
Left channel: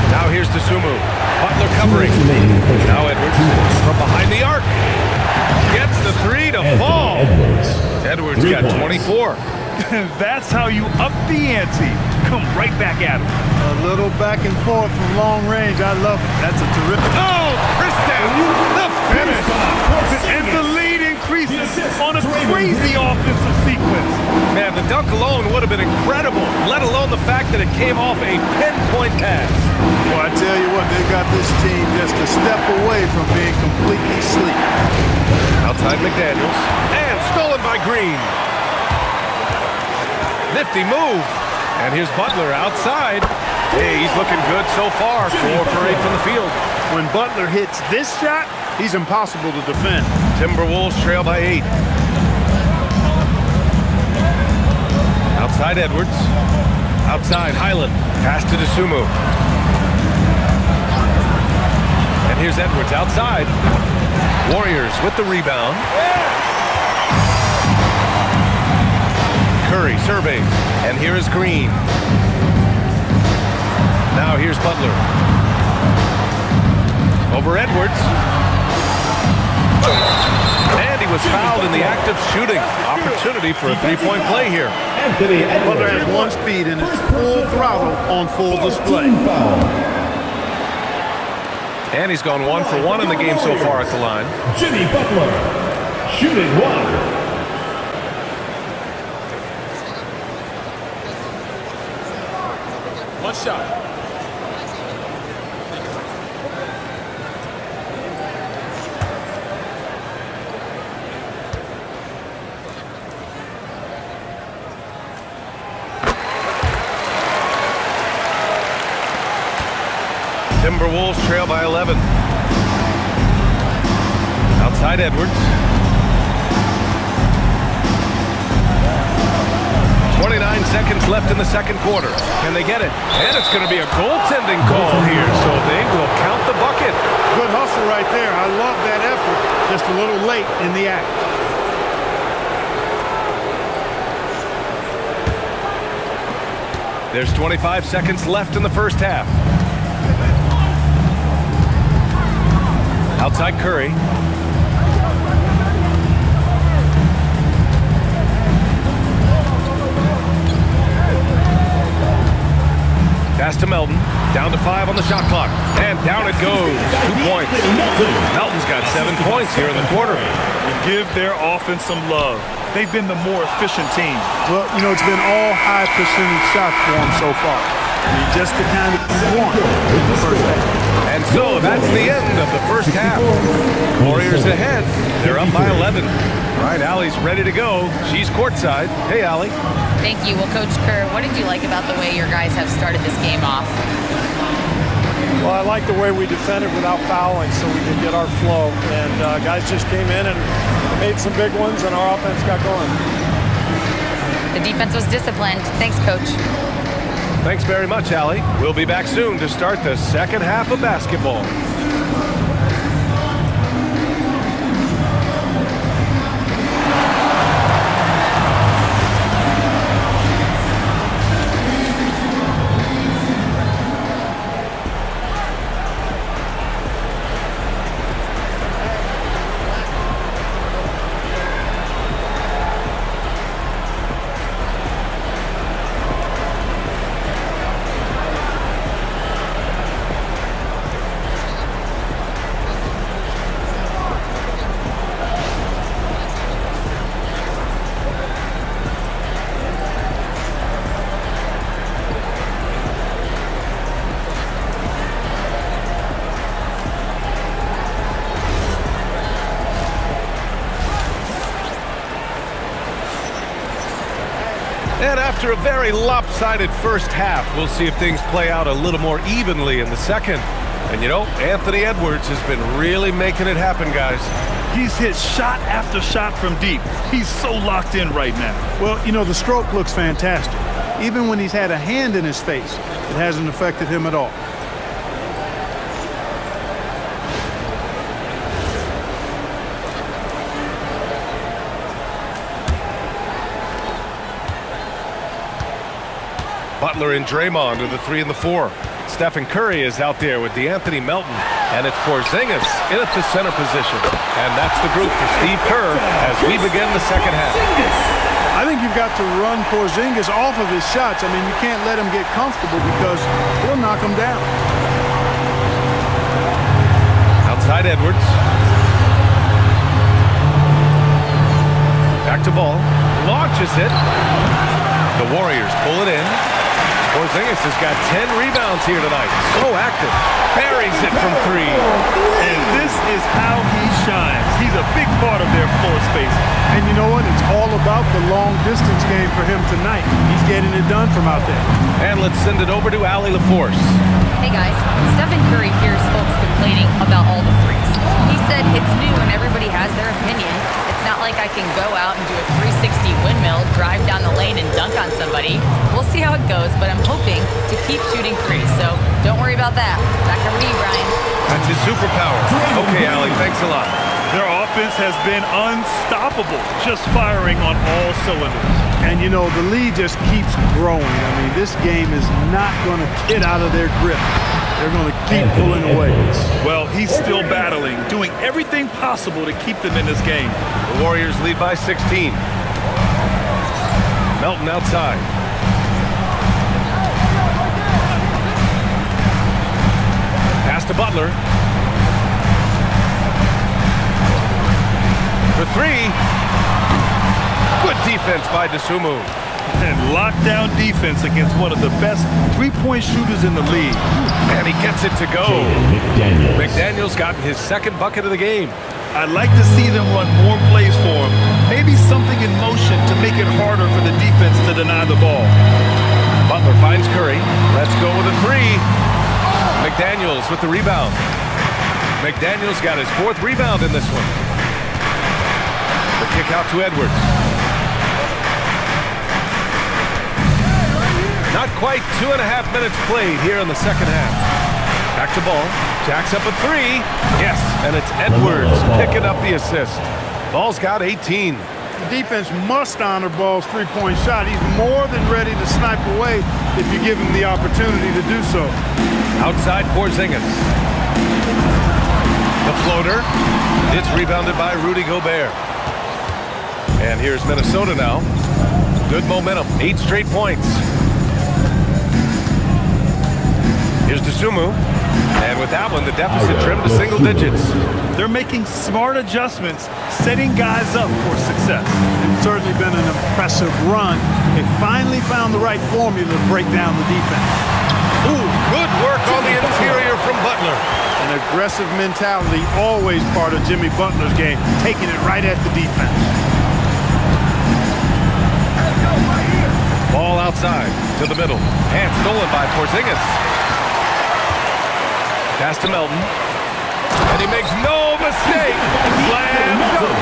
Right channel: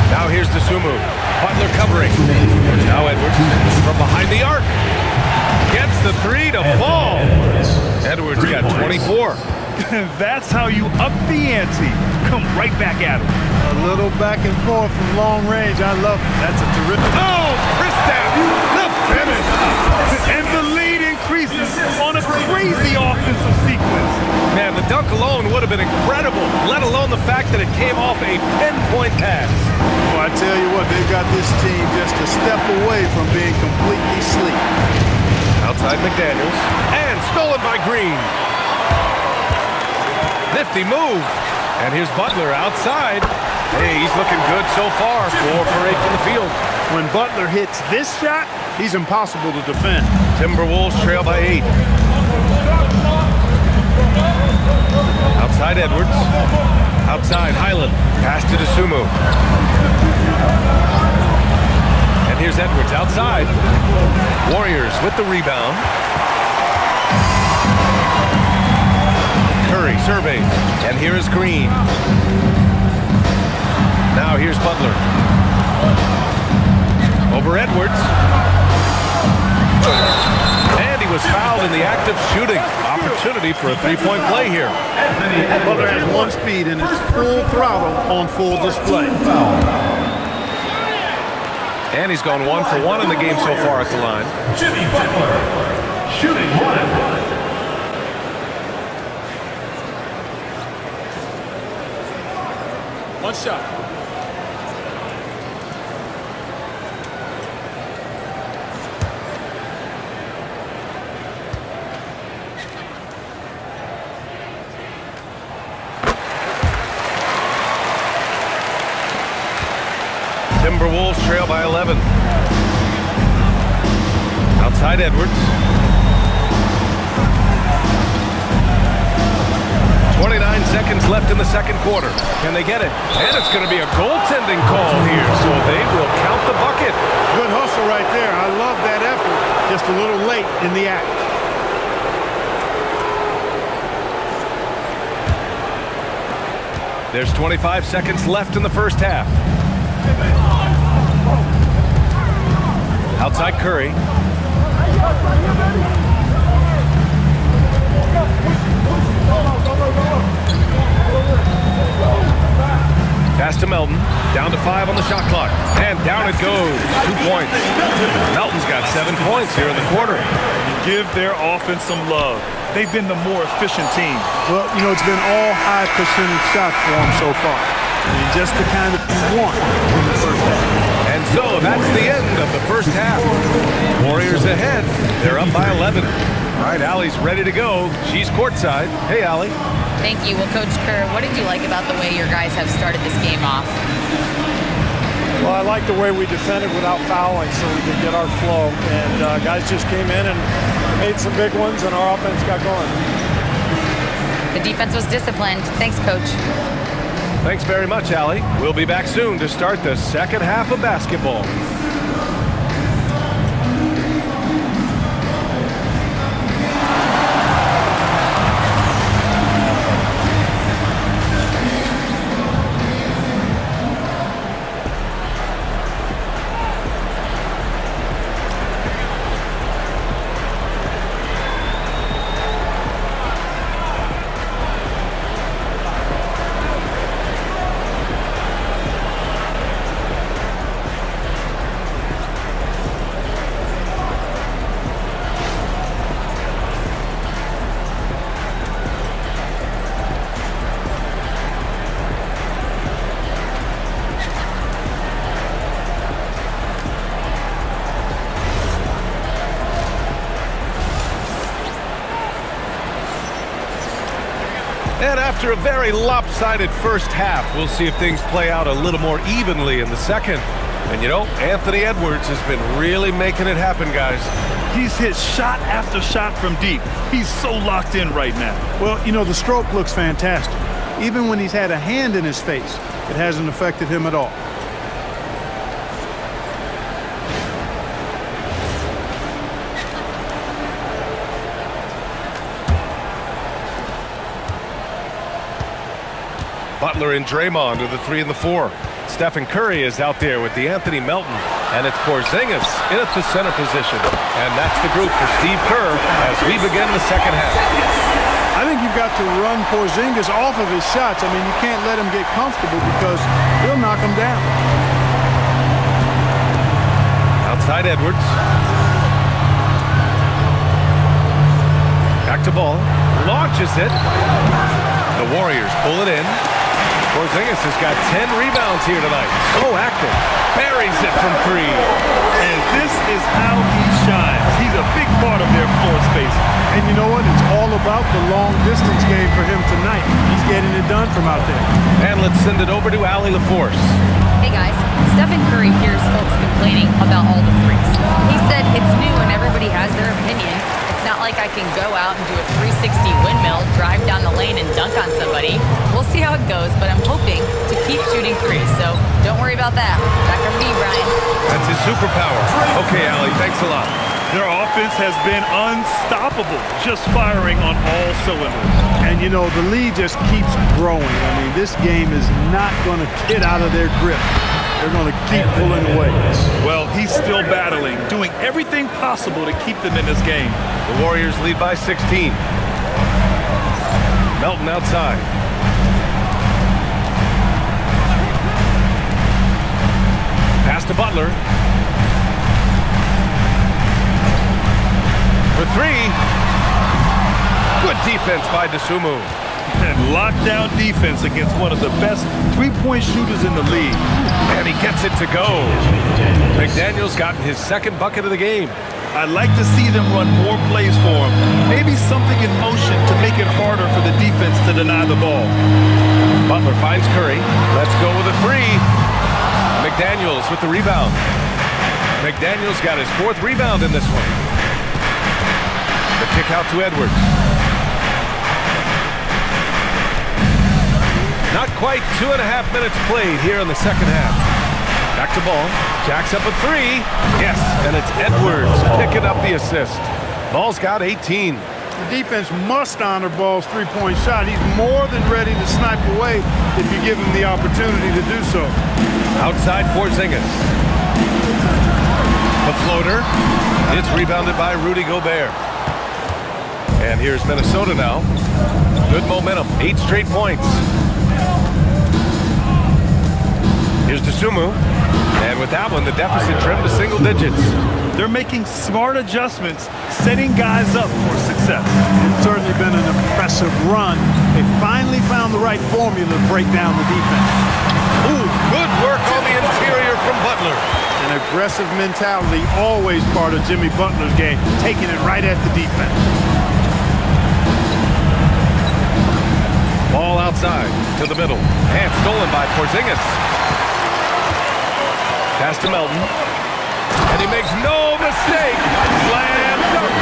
Now here's DeSumo. Butler covering. Now Edwards from behind the arc. Gets the 3 to fall. Edwards got 24. That's how you up the ante. Come right back at him. A little back and forth from long range. I love it. That's a terrific. Oh, Kristaps, the finish. And the lead increases on a crazy offensive sequence. Man, the dunk alone would have been incredible, let alone the fact that it came off a pinpoint pass. Well, I tell you what, they got this team just a step away from being completely sleep. Outside McDaniels, and stolen by Green. Nifty move. And here's Butler outside. Hey, he's looking good so far. 4 for 8 from the field. When Butler hits this shot, he's impossible to defend. Timberwolves trail by 8. Outside Edwards. Outside Highland. Pass to DeSumo. And here's Edwards outside. Warriors with the rebound. Curry surveys, and here is Green. Now here's Butler. Over Edwards. And he was fouled in the act of shooting. Opportunity for a 3-point play here. Butler has 1 speed and is full throttle on full display. And he's gone 1 for 1 in the game so far at the line. Jimmy Butler, shooting 1. One shot. Timberwolves trail by 11. Outside Edwards. 29 seconds left in the second quarter. Can they get it? And it's going to be a goaltending call here, so they will count the bucket. Good hustle right there. I love that effort. Just a little late in the act. There's 25 seconds left in the first half. Outside Curry. Pass to Melton. Down to 5 on the shot clock. And down it goes. 2 points. Melton's got 7 points here in the quarter. And give their offense some love. They've been the more efficient team. Well, you know, it's been all high percentage shots for them so far. I mean, just the kind of you want in the first half. And so that's the end of the first half. Warriors ahead. They're up by 11. All right, Allie's ready to go. She's courtside. Hey, Allie. Thank you. Well, Coach Kerr, what did you like about the way your guys have started this game off? Well, I like the way we defended without fouling so we could get our flow. And guys just came in and made some big ones, and our offense got going. The defense was disciplined. Thanks, Coach. Thanks very much, Allie. We'll be back soon to start the second half of basketball. And after a very lopsided first half, we'll see if things play out a little more evenly in the second. And you know, Anthony Edwards has been really making it happen, guys. He's hit shot after shot from deep. He's so locked in right now. Well, you know, the stroke looks fantastic. Even when he's had a hand in his face, it hasn't affected him at all. Butler and Draymond are the 3 and the 4. Stephen Curry is out there with DeAnthony Melton. And it's Porzingis in at the center position. And that's the group for Steve Kerr as we begin the second half. I think you've got to run Porzingis off of his shots. I mean, you can't let him get comfortable because he'll knock him down. Outside Edwards. Back to ball. Launches it. The Warriors pull it in. Porzingis has got 10 rebounds here tonight. So active. Buries it from 3. And this is how he shines. He's a big part of their floor space. And you know what? It's all about the long distance game for him tonight. He's getting it done from out there. And let's send it over to Allie LaForce. Hey guys, Stephen Curry hears folks complaining about all the threes. He said it's new and everybody has their opinion. It's not like I can go out and do a 360 windmill, drive down the lane and dunk on somebody. We'll see how it goes, but I'm hoping to keep shooting threes, so don't worry about that. Back over to you, Brian. That's his superpower. Okay, Allie, thanks a lot. Their offense has been unstoppable, just firing on all cylinders. And, you know, the lead just keeps growing. I mean, this game is not going to get out of their grip. They're going to keep pulling away. Well, he's still battling, doing everything possible to keep them in this game. The Warriors lead by 16. Melton outside. Pass to Butler. For 3. Good defense by DeSumo. And lockdown defense against one of the best three-point shooters in the league. And he gets it to go. McDaniels gotten his second bucket of the game. I'd like to see them run more plays for him. Maybe something in motion to make it harder for the defense to deny the ball. Butler finds Curry. Let's go with a 3. McDaniels with the rebound. McDaniels got his 4th rebound in this one. The kick out to Edwards. Not quite 2.5 minutes played here in the second half. Back to ball. Jacks up a 3. Yes, and it's Edwards picking up the assist. Ball's got 18. The defense must honor Ball's three-point shot. He's more than ready to snipe away if you give him the opportunity to do so. Outside Porzingis. The floater. It's rebounded by Rudy Gobert. And here's Minnesota now. Good momentum. 8 straight points. Here's DeSumo. And with that one, the deficit trimmed to single digits. They're making smart adjustments, setting guys up for success. It's certainly been an impressive run. They finally found the right formula to break down the defense. Ooh, good work on the interior from Butler. An aggressive mentality, always part of Jimmy Butler's game, taking it right at the defense. Ball outside to the middle. And stolen by Porzingis. Pass to Melton. And he makes no mistake. Slam dunk.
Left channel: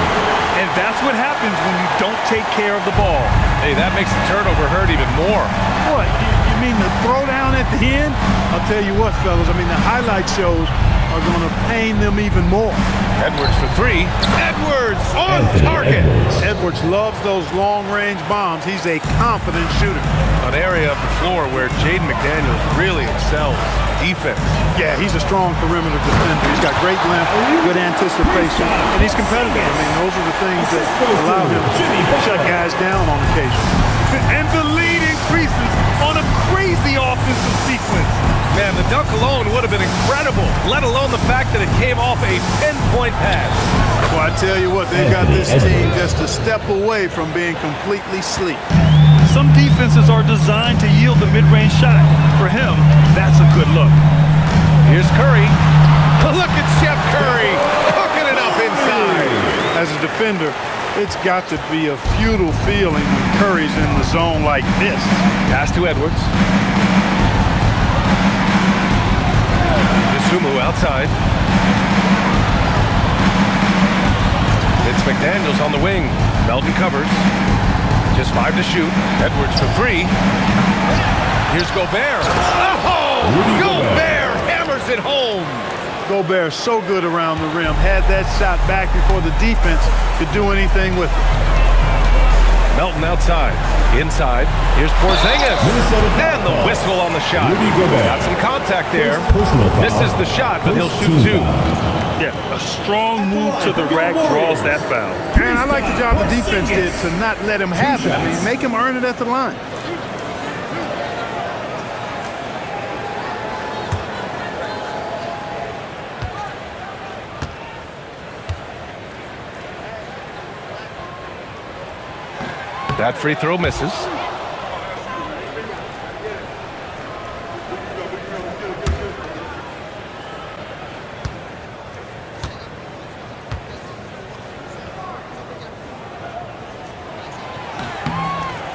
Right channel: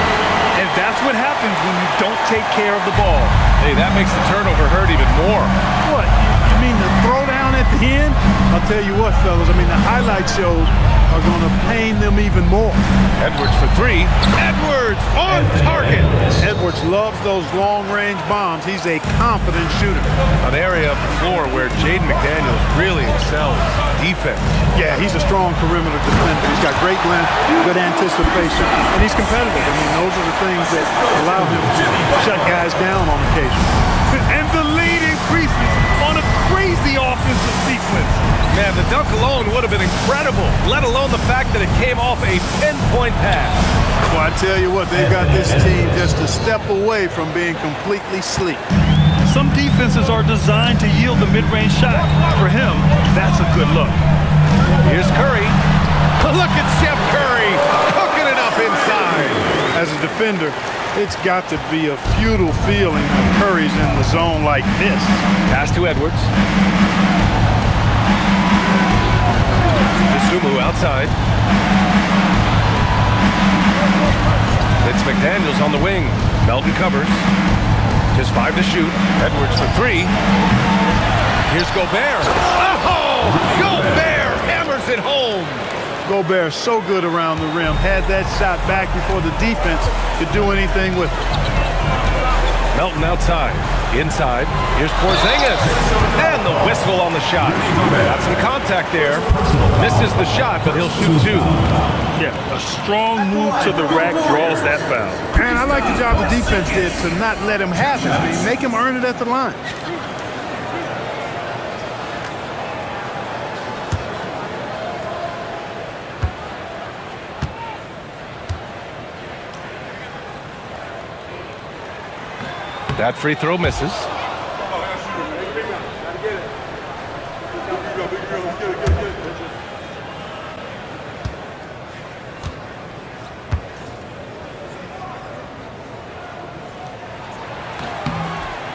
And that's what happens when you don't take care of the ball. Hey, that makes the turnover hurt even more. What, you mean the throwdown at the end? I'll tell you what, fellas, I mean, the highlight shows are going to pain them even more. Edwards for 3. Edwards on target. Edwards loves those long-range bombs. He's a confident shooter. An area of the floor where Jaden McDaniels really excels. Defense. Yeah, he's a strong perimeter defender. He's got great length, good anticipation, and he's competitive. I mean, those are the things that allow him to shut guys down on occasion. And the lead increases on a crazy offensive sequence. Man, the dunk alone would have been incredible, let alone the fact that it came off a pinpoint pass. Well, I tell you what, they've got this team just a step away from being completely sleek. Some defenses are designed to yield the mid-range shot. For him, that's a good look. Here's Curry. Look at Chef Curry cooking it up inside. As a defender, It's got to be a futile feeling when Curry's in the zone like this. Pass to Edwards. Sumu outside. It's McDaniels on the wing. Melton covers. Just 5 to shoot. Edwards for 3. Here's Gobert. Oh! Gobert hammers it home. Gobert so good around the rim. Had that shot back before the defense could do anything with it. Melton outside. Inside. Here's Porzingis. And the whistle on the shot. Got some contact there. Misses the shot, but he'll shoot 2. Yeah, a strong move to the rack draws that foul. And I like the job the defense did to not let him have it. I mean, make him earn it at the line. That free throw misses.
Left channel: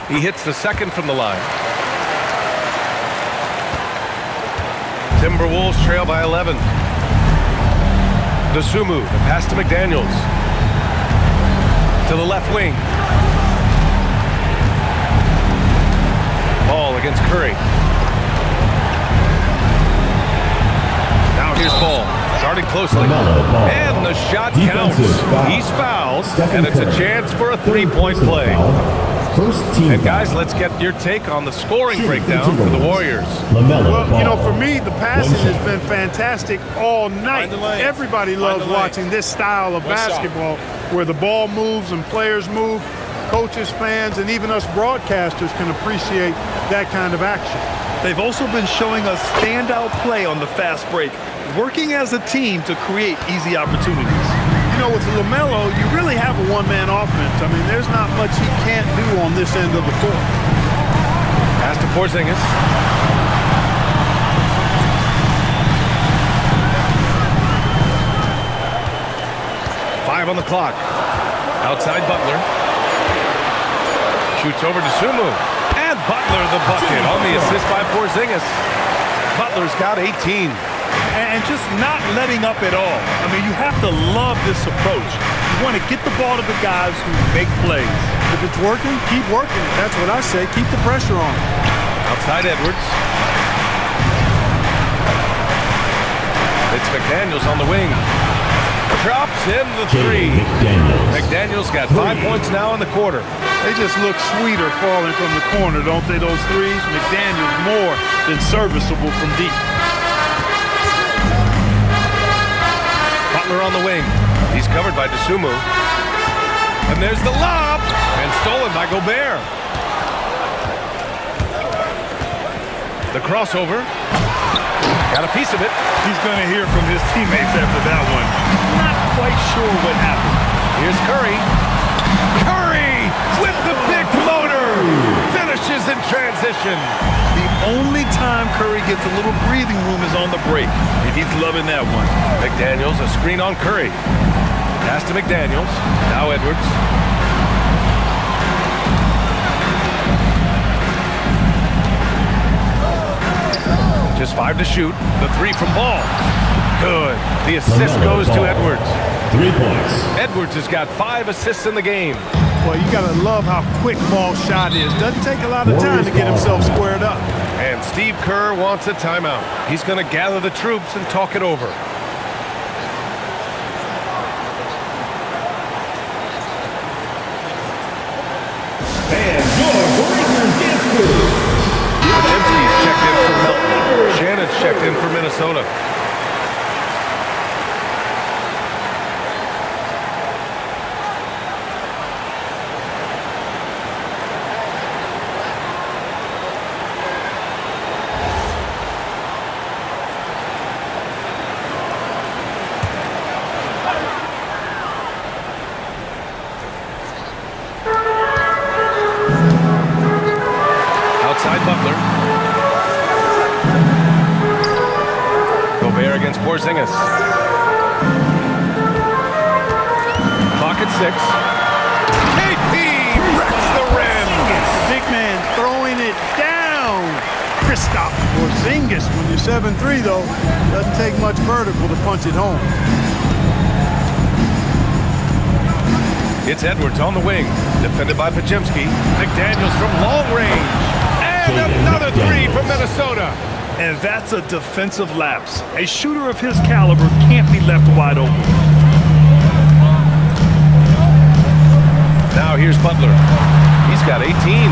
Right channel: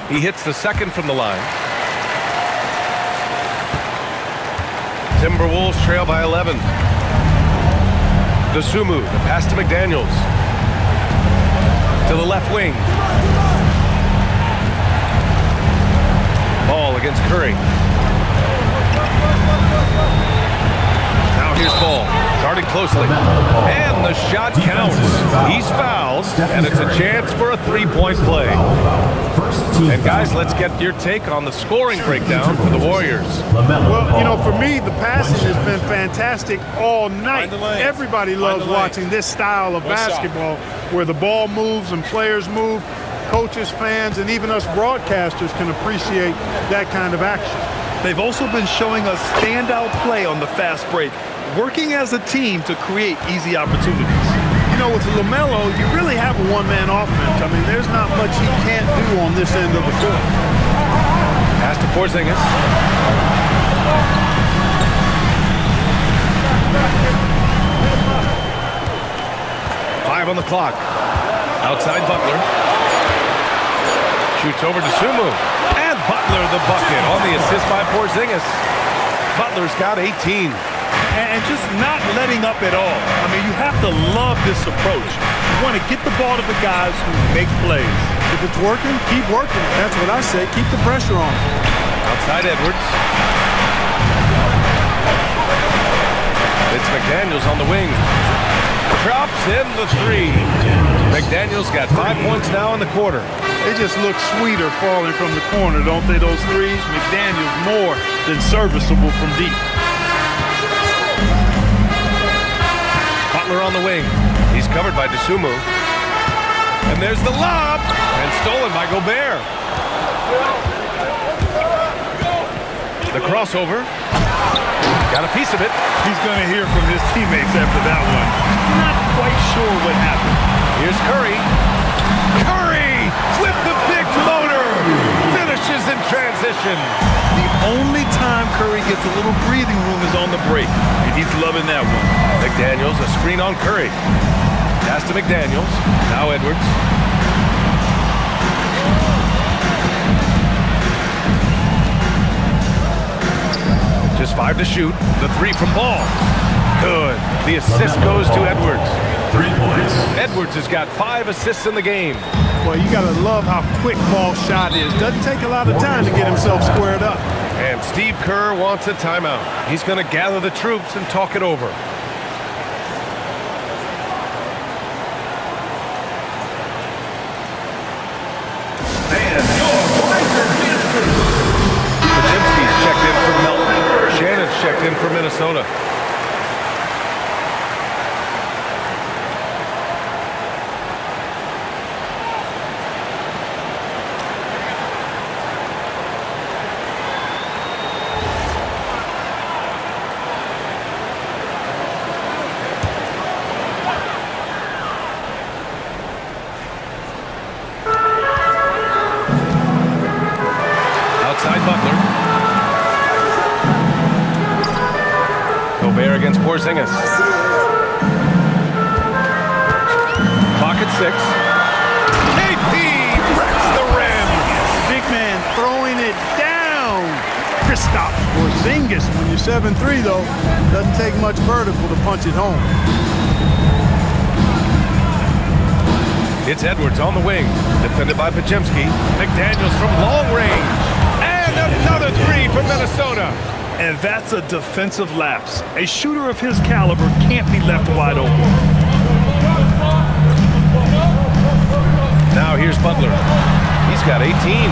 He hits the second from the line. Timberwolves trail by 11. Dosunmu, the pass to McDaniels. To the left wing. Ball against Curry. Now here's Ball. Guarded closely. And the shot counts. He's fouled. And it's a chance for a three-point play. And guys, let's get your take on the scoring breakdown for the Warriors. Well, you know, for me, the passing has been fantastic all night. Everybody loves watching this style of basketball where the ball moves and players move. Coaches, fans, and even us broadcasters can appreciate that kind of action. They've also been showing us standout play on the fast break, working as a team to create easy opportunities. You know, with LaMelo, you really have a one-man offense. I mean, there's not much he can't do on this end of the court. Pass to Porzingis. Five on the clock. Outside Butler. Shoots over to Sumu. And Butler the bucket on the assist by Porzingis. Butler's got 18. And just not letting up at all. I mean, you have to love this approach. You want to get the ball to the guys who make plays. If it's working, keep working it. That's what I say. Keep the pressure on it. Outside Edwards. It's McDaniels on the wing. Drops in the 3. McDaniels got 5 points now in the quarter. They just look sweeter falling from the corner, don't they, those threes? McDaniels more than serviceable from deep. Butler on the wing. He's covered by Dosunmu. And there's the lob. And stolen by Gobert. The crossover. Got a piece of it. He's going to hear from his teammates after that one. Not quite sure what happened. Here's Curry. Curry with the big motor. Finishes in transition. The only time Curry gets a little breathing room is on the break, and he's loving that one. McDaniels, a screen on Curry. Pass to McDaniels. Now Edwards. Just 5 to shoot. The 3 from Ball. Good. The assist goes to Edwards. 3 points. Edwards has got 5 assists in the game. Well, you got to love how quick Ball's shot is. Doesn't take a lot of time to get himself squared up. And Steve Kerr wants a timeout. He's going to gather the troops and talk it over. Podziemski's checked in for Melton. Shannon's checked in for Minnesota. Outside Butler. Gobert against Porzingis. Clock at 6. Big man throwing it down. Kristaps Porzingis. When you're 7'3", though, doesn't take much vertical to punch it home. It's Edwards on the wing, defended by Pajemski. McDaniels from long range. And another three from Minnesota. And that's a defensive lapse. A shooter of his caliber can't be left wide open. Now here's Butler. He's got 18.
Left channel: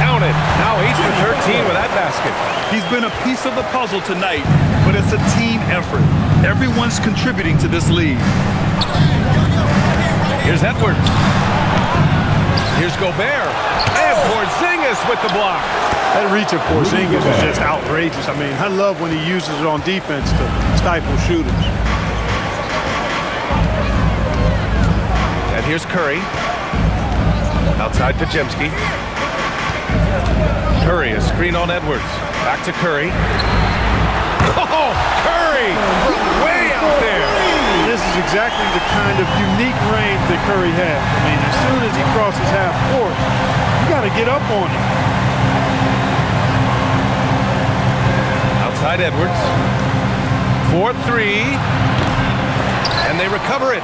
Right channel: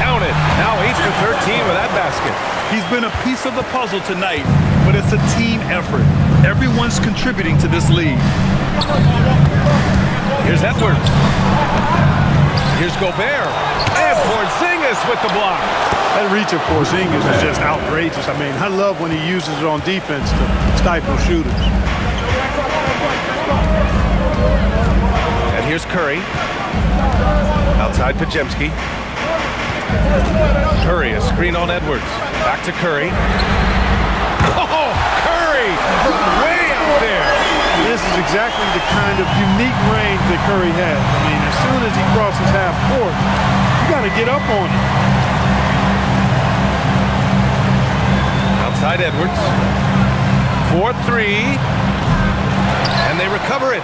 Count it. Now 8 for 13 with that basket. He's been a piece of the puzzle tonight, but it's a team effort. Everyone's contributing to this lead. Here's Edwards. Here's Gobert. And Porzingis with the block. That reach of Porzingis is just outrageous. I mean, I love when he uses it on defense to stifle shooters. And here's Curry. Outside Pajemski. Curry, a screen on Edwards. Back to Curry. Oh, Curry from way out there. This is exactly the kind of unique range that Curry has. I mean, as soon as he crosses half court, you got to get up on it. Outside Edwards. 4-3. And they recover it.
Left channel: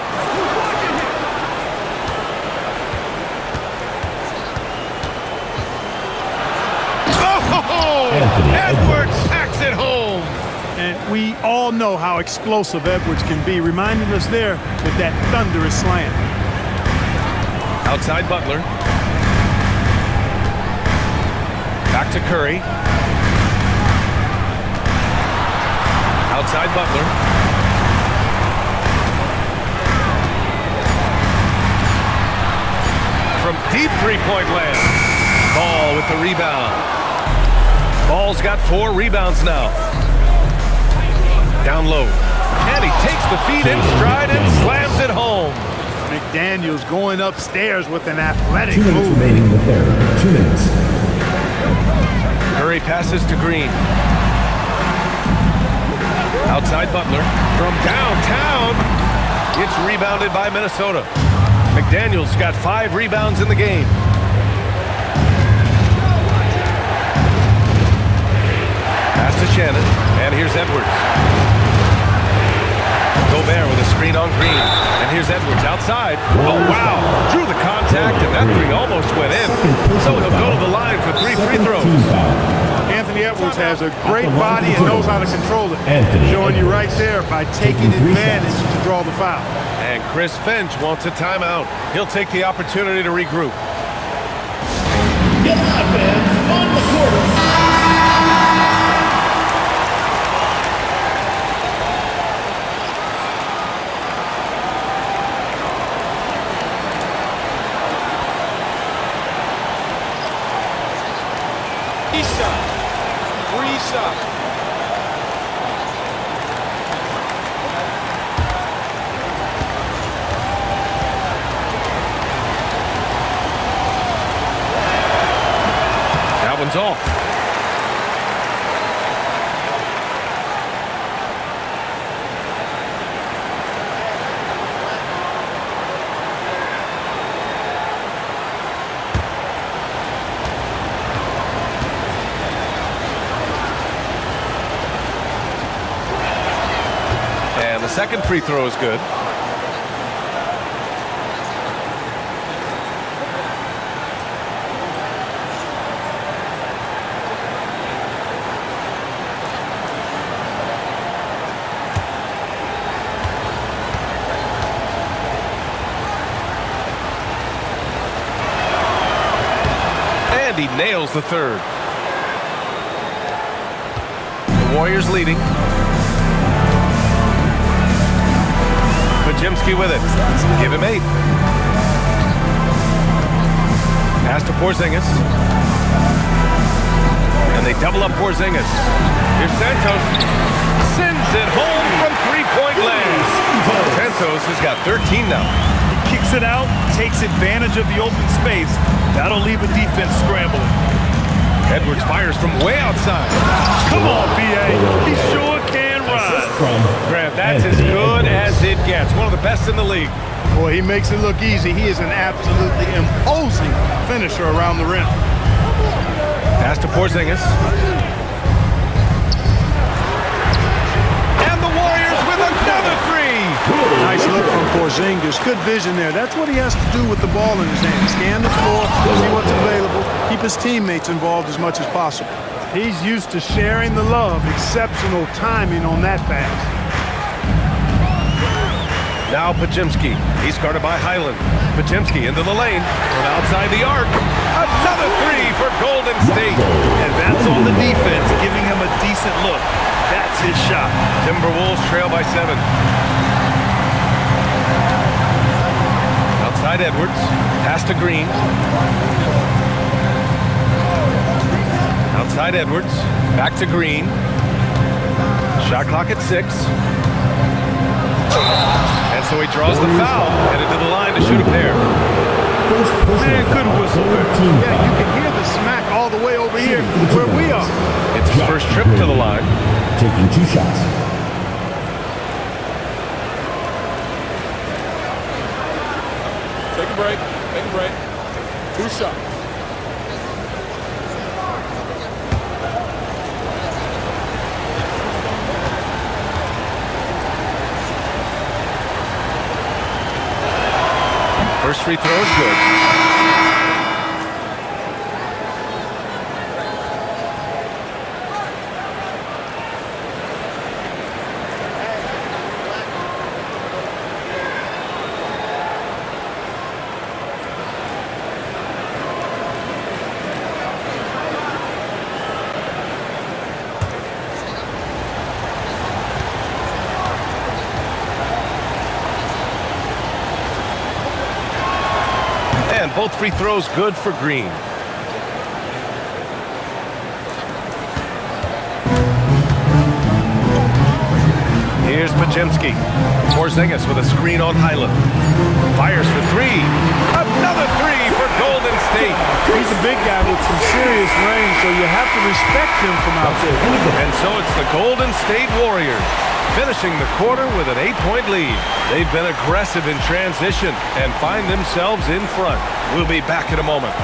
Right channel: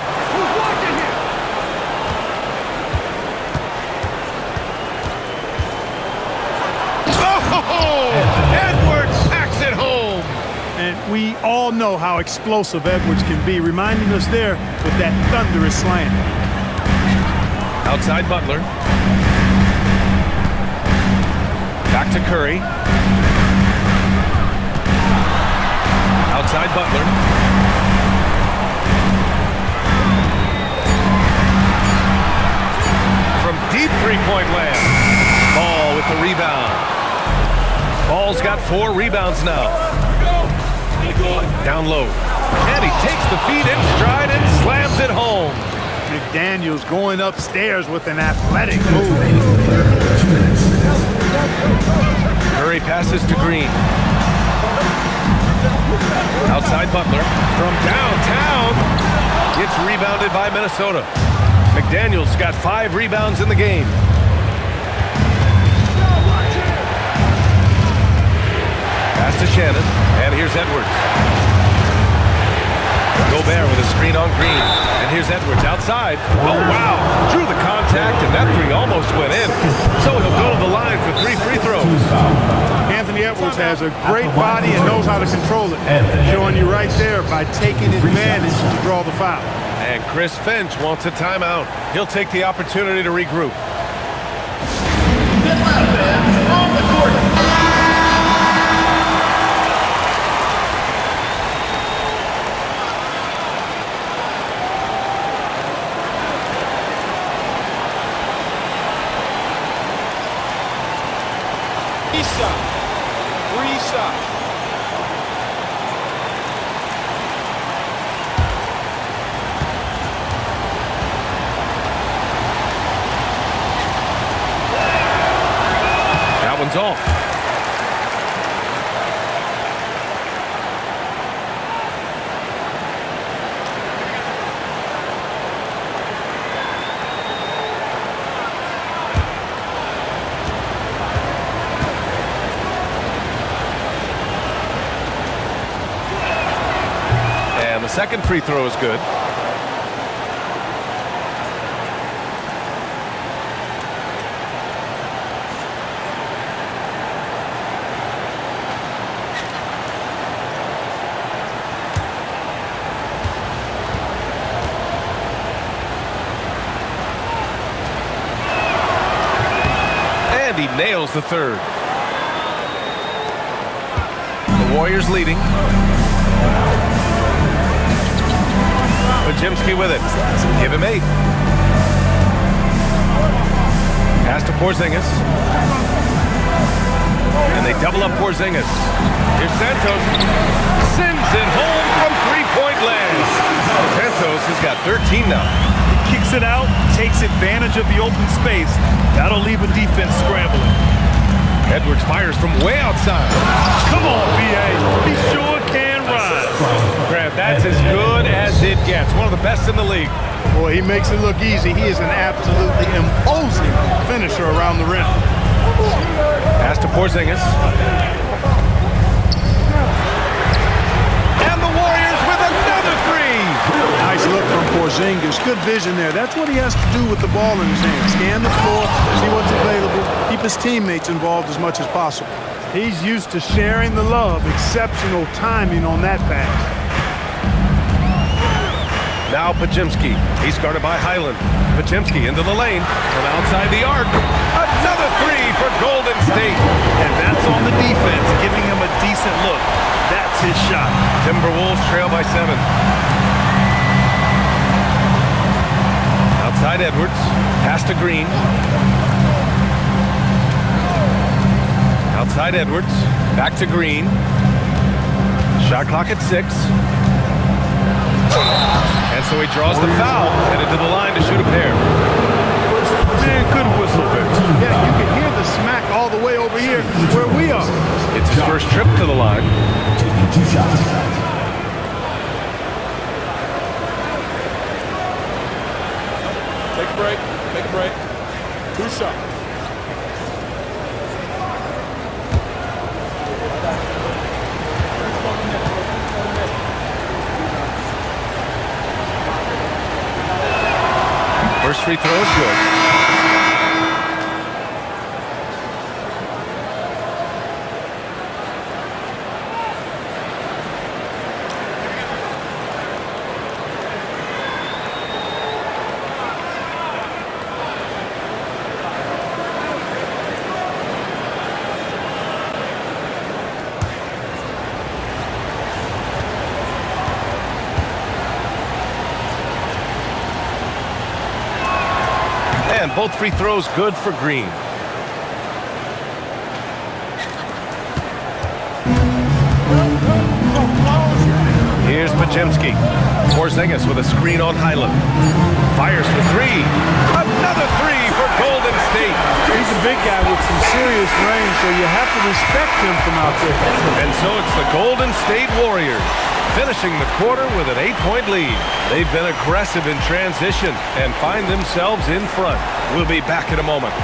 Oh! Edwards packs it home. And we all know how explosive Edwards can be, reminding us there with that thunderous slam. Outside Butler. Back to Curry. Outside Butler. From deep three-point land. Ball with the rebound. Ball's got 4 rebounds now. Down low. And he takes the feed in stride and slams it home. McDaniels going upstairs with an athletic 2 minutes move. remaining in the third. 2 minutes. Curry passes to Green. Outside Butler. From downtown. It's rebounded by Minnesota. McDaniels got 5 rebounds in the game. Pass to Shannon. And here's Edwards. Gobert with a screen on Green. And here's Edwards outside. Oh, wow. Drew the contact, and that three almost went in. So he'll go to the line for 3 free throws. Anthony Edwards has a great body and knows how to control it. Showing you right there by taking advantage to draw the foul. And Chris Finch wants a timeout. He'll take the opportunity to regroup. Get loud, fans. On the court. Free shot. That one's off. And the second free throw is good. And he nails the third. The Warriors leading. Pajemski with it. Give him 8. Pass to Porzingis. And they double up Porzingis. Here's Santos. Sends it home from three-point land. Santos has got 13 now. He kicks it out, takes advantage of the open space. That'll leave a defense scrambling. Edwards fires from way outside. Come on, B.A. He sure can rise. Grant, that's as good as it gets. One of the best in the league. Boy, he makes it look easy. He is an absolutely imposing finisher around the rim. Pass to Porzingis. And the Warriors with another three. Nice look from Porzingis. Good vision there. That's what he has to do with the ball in his hand. Scan the floor, see what's available, keep his teammates involved as much as possible. He's used to sharing the love. Exceptional timing on that pass. Now Pajimski. He's guarded by Highland. Pajimski into the lane from outside the arc. Another three for Golden State. And that's on the defense, giving him a decent look. That's his shot. Timberwolves trail by 7. Outside Edwards. Pass to Green. Outside Edwards. Back to Green. Shot clock at 6. And so he draws the foul, headed to the line to shoot a pair. Man, good whistle there. Yeah, you can hear the smack all the way over here where we are. It's his first trip to the line. Taking 2 shots. Take a break. Take a break. 2 shots. First free throw is good. And both free throws good for Green. Here's Pajimski. Porzingis with a screen on Highland. Fires for 3. Another 3 for Golden State. He's a big guy with some serious range, so you have to respect him from out there. And so it's the Golden State Warriors finishing the quarter with an 8-point lead. They've been aggressive in transition and find themselves in front. We'll be back in a moment.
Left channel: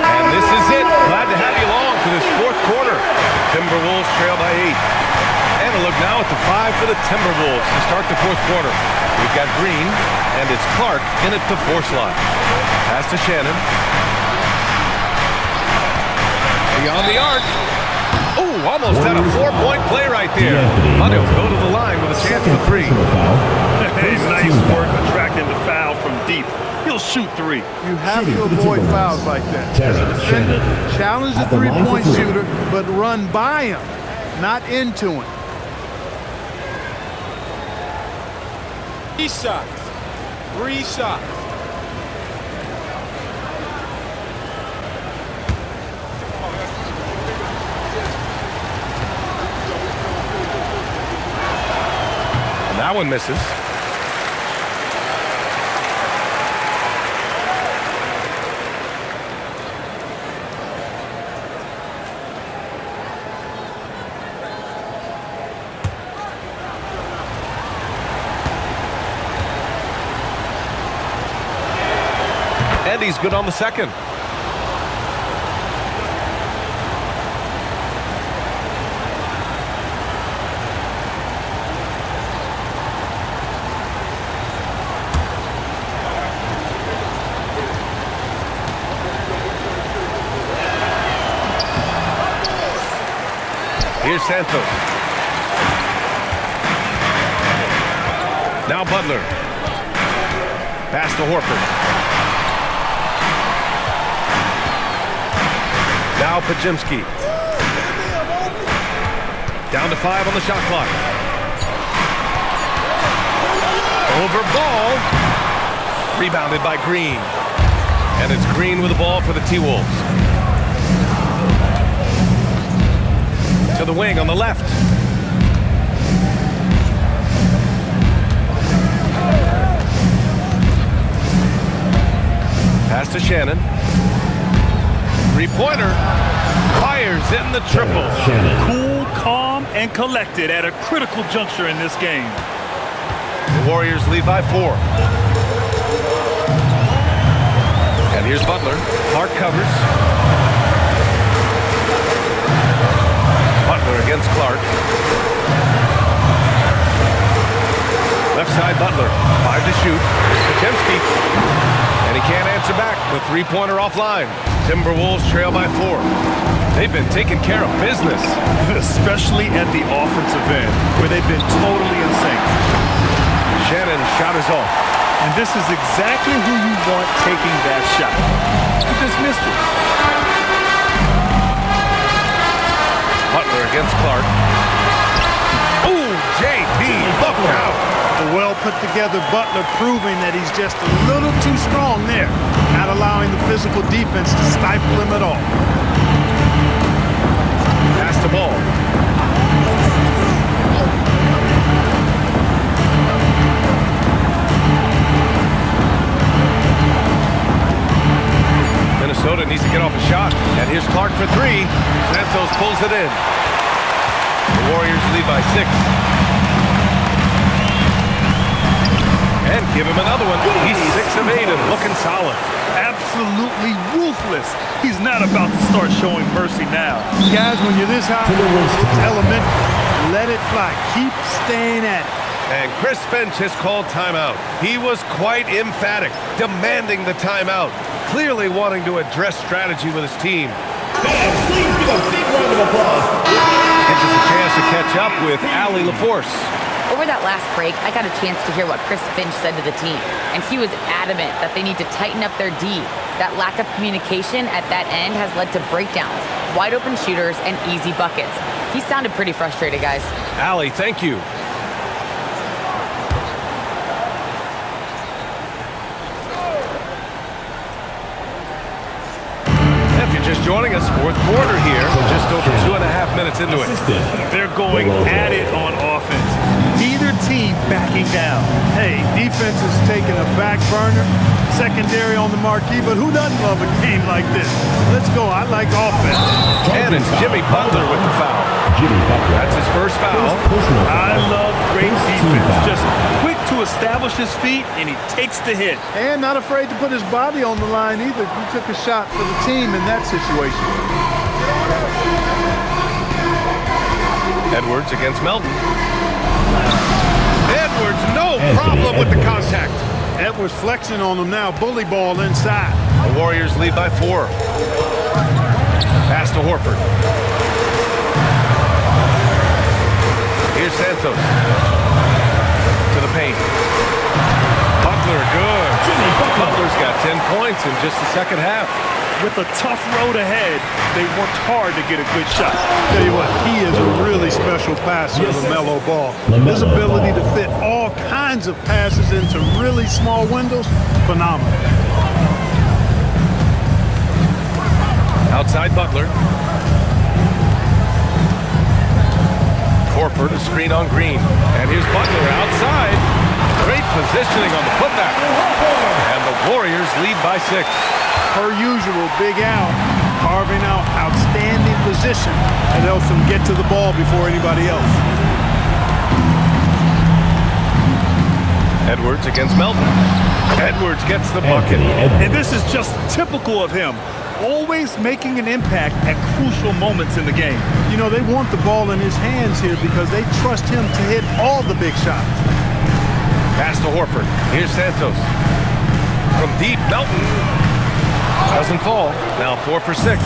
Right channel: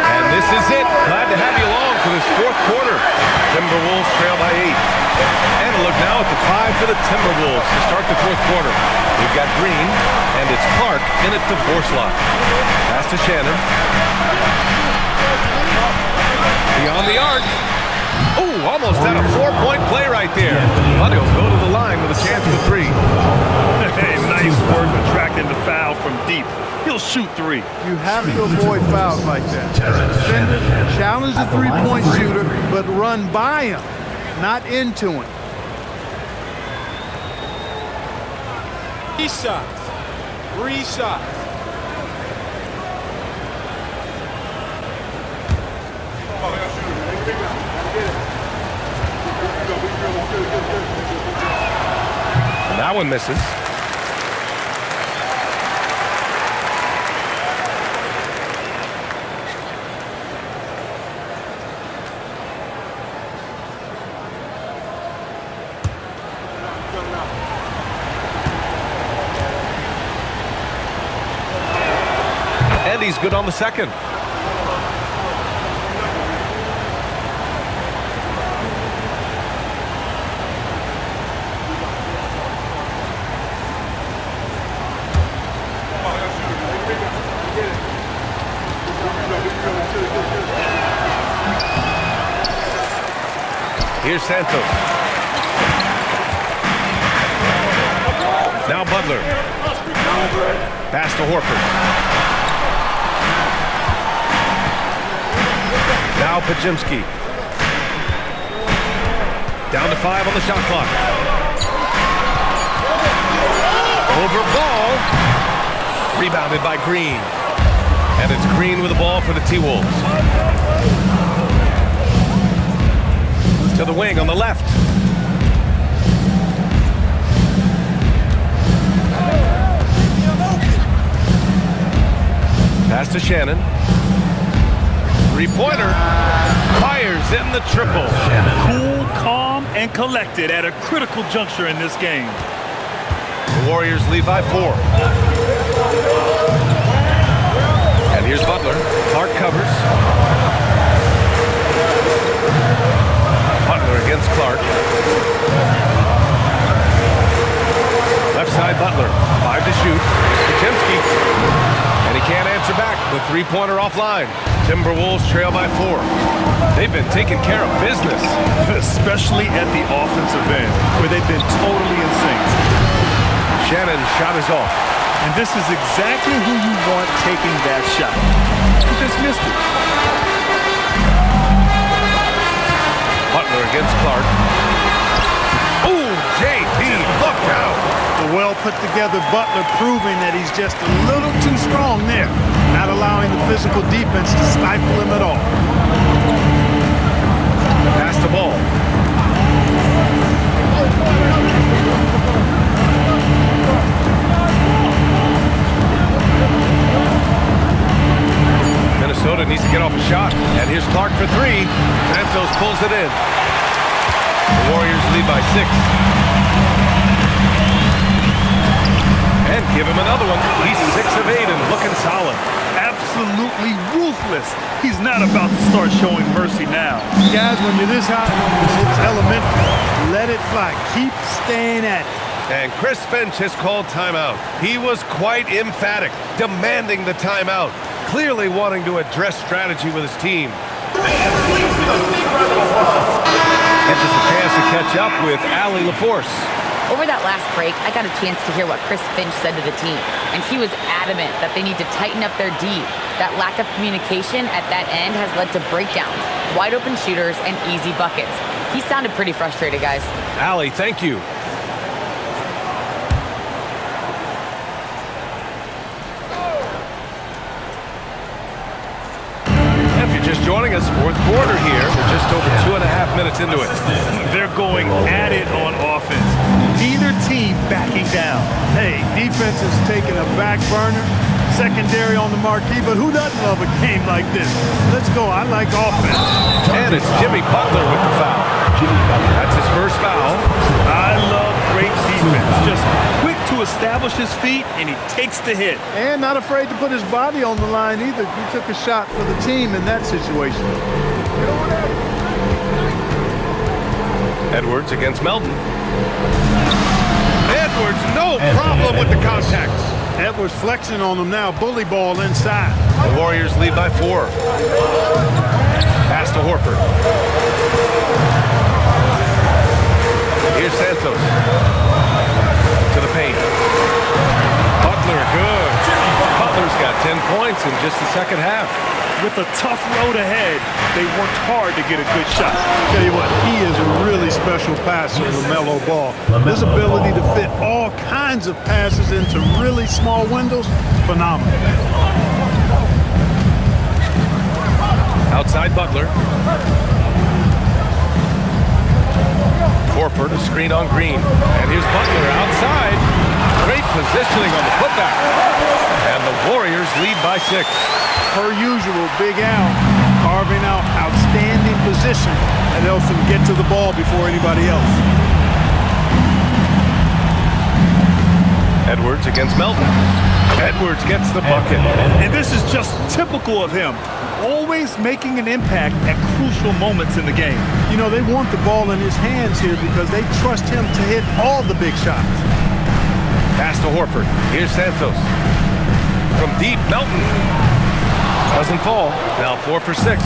And this is it. Glad to have you along for this fourth quarter. Timberwolves trail by 8. And a look now at the 5 for the Timberwolves to start the fourth quarter. We've got Green, and it's Clark in at the 4 slot. Pass to Shannon. Beyond the arc. Oh, almost had a 4-point play right there. But he'll go to the line with a chance for 3. Hey, nice work attracting the foul from deep. He'll shoot 3. You have to avoid fouls like that. As a defender, challenge the three-point shooter, but run by him, not into him. 3 shots. 3 shots. And that one misses. And he's good on the second. Here's Santos. Now Butler. Pass to Horford. Now Pajimski. Down to 5 on the shot clock. Over ball. Rebounded by Green. And it's Green with the ball for the T-Wolves. To the wing on the left. Pass to Shannon. Three-pointer. Fires in the triple. Cool, calm, and collected at a critical juncture in this game. The Warriors lead by 4. And here's Butler. Clark covers. Butler against Clark. Left side Butler. 5 to shoot. Here's Potemski. And he can't answer back. The three-pointer offline. Timberwolves trail by 4. They've been taking care of business. Especially at the offensive end, where they've been totally in sync. Shannon's shot is off. And this is exactly who you want taking that shot. He just missed it. Butler against Clark. Ooh, JB, look out. The well-put-together Butler proving that he's just a little too strong there, not allowing the physical defense to stifle him at all. Pass the ball. Minnesota needs to get off a shot. And here's Clark for 3. Santos pulls it in. The Warriors lead by 6. And give him another one. He's 6 of 8 and looking solid. Absolutely ruthless. He's not about to start showing mercy now. Guys, when you're this hot, it's elementary. Let it fly. Keep staying at it. And Chris Finch has called timeout. He was quite emphatic, demanding the timeout, clearly wanting to address strategy with his team. And please give a big round of applause. Gives us a chance to catch up with Allie LaForce. Over that last break, I got a chance to hear what Chris Finch said to the team, and he was adamant that they need to tighten up their D. That lack of communication at that end has led to breakdowns, wide open shooters, and easy buckets. He sounded pretty frustrated, guys. Allie, thank you. If you're just joining us, fourth quarter here. We're just over 2.5 minutes into it. They're going at it on offense. Neither team backing down. Hey, defense is taking a back burner, secondary on the marquee, but who doesn't love a game like this? Let's go. I like offense. And it's Jimmy Butler with the foul. That's his first foul. I love great defense. Just quick to establish his feet, and he takes the hit. And not afraid to put his body on the line either. He took a shot for the team in that situation. Edwards against Melton. Edwards, no problem with the contact. Edwards flexing on him now. Bully ball inside. The Warriors lead by 4. Pass to Horford. Here's Santos. To the paint. Butler, good. Butler's got 10 points in just the second half. With a tough road ahead, they worked hard to get a good shot. Tell you what, he is a really special passer, LaMelo Ball. His ability to fit all kinds of passes into really small windows, phenomenal. Outside Butler. Horford, a screen on Green. And here's Butler outside. Great positioning on the putback. And the Warriors lead by 6. Per usual, Big Al carving out outstanding position that helps him get to the ball before anybody else. Edwards against Melton. Edwards gets the bucket. And this is just typical of him. Always making an impact at crucial moments in the game. You know, they want the ball in his hands here because they trust him to hit all the big shots. Pass to Horford. Here's Santos. From deep, Melton. Doesn't fall. Now 4 for 6.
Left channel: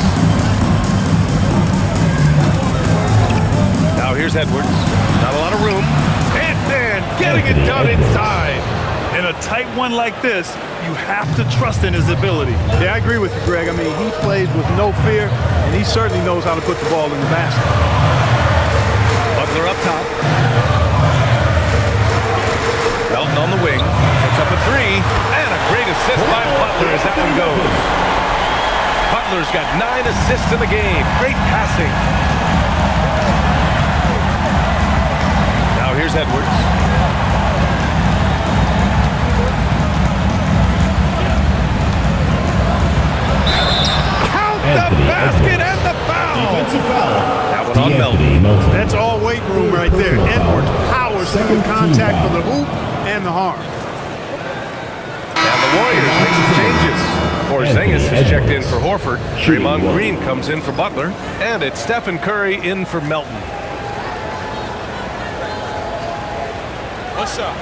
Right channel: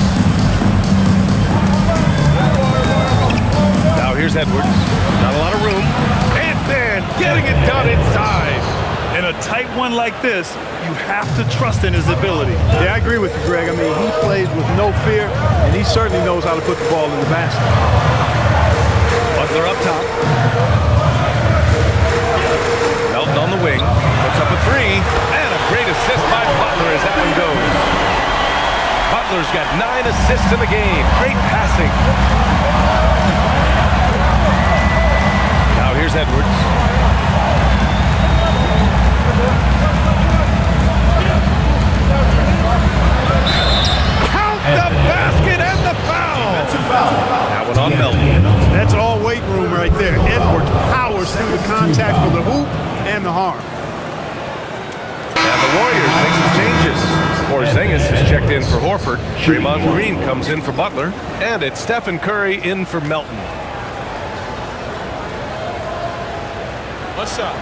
Now here's Edwards. Not a lot of room. Ant-Man getting it done inside. In a tight one like this, you have to trust in his ability. Yeah, I agree with you, Greg. I mean, he plays with no fear, and he certainly knows how to put the ball in the basket. Butler up top. Melton on the wing. Puts up a 3. And a great assist by Butler as that one goes. Butler's got 9 assists in the game. Great passing. Now here's Edwards. basket and the foul. Defensive foul. That one on Melton. That's all weight room right there. Edwards powers through the contact for the hoop and the harm. And the Warriors make some changes. Porzingis is checked in for Horford. Draymond Green comes in for Butler. And it's Stephen Curry in for Melton. One shot.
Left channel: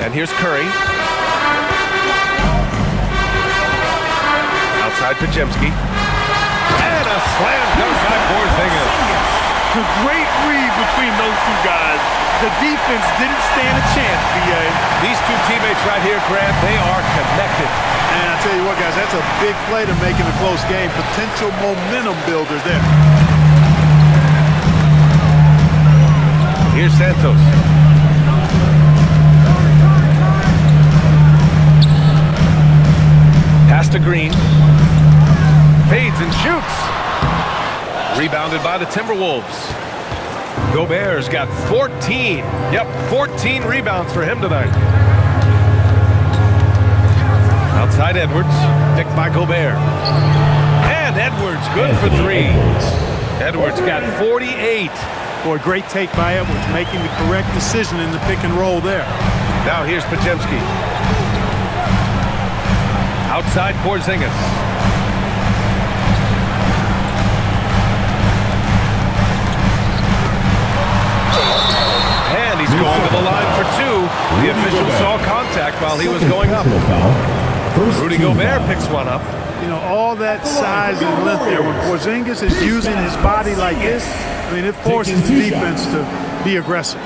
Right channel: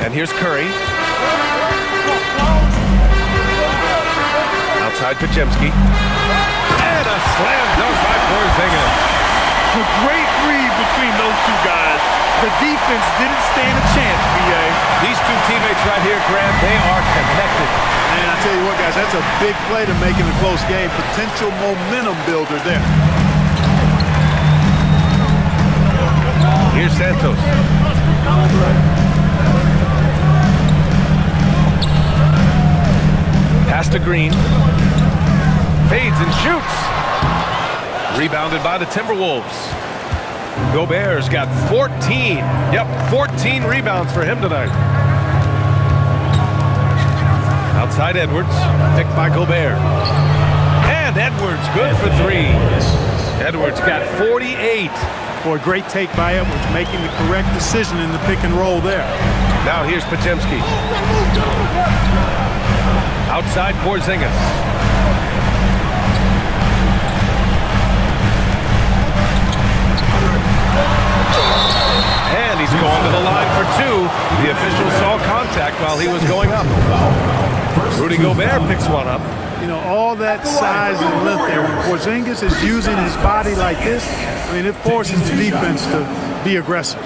And here's Curry. Outside Pajemski. And a slam dunk by Porzingis. A great read between those two guys. The defense didn't stand a chance, B.A. These two teammates right here, Grant, they are connected. And I tell you what, guys, that's a big play to make in a close game. Potential momentum builder there. Here's Santos. Pass to Green. Fades and shoots. Rebounded by the Timberwolves. Gobert's got 14. Yep, 14 rebounds for him tonight. Outside Edwards. Picked by Gobert. And Edwards good for three. Edwards got 48. Boy, great take by Edwards, making the correct decision in the pick and roll there. Now here's Pajemski. Outside Porzingis. And he's going to the line for two. The official saw contact while he was going up. Rudy Gobert picks one up. You know, all that size and length there. When Porzingis is using his body like this, I mean, it forces the defense to be aggressive.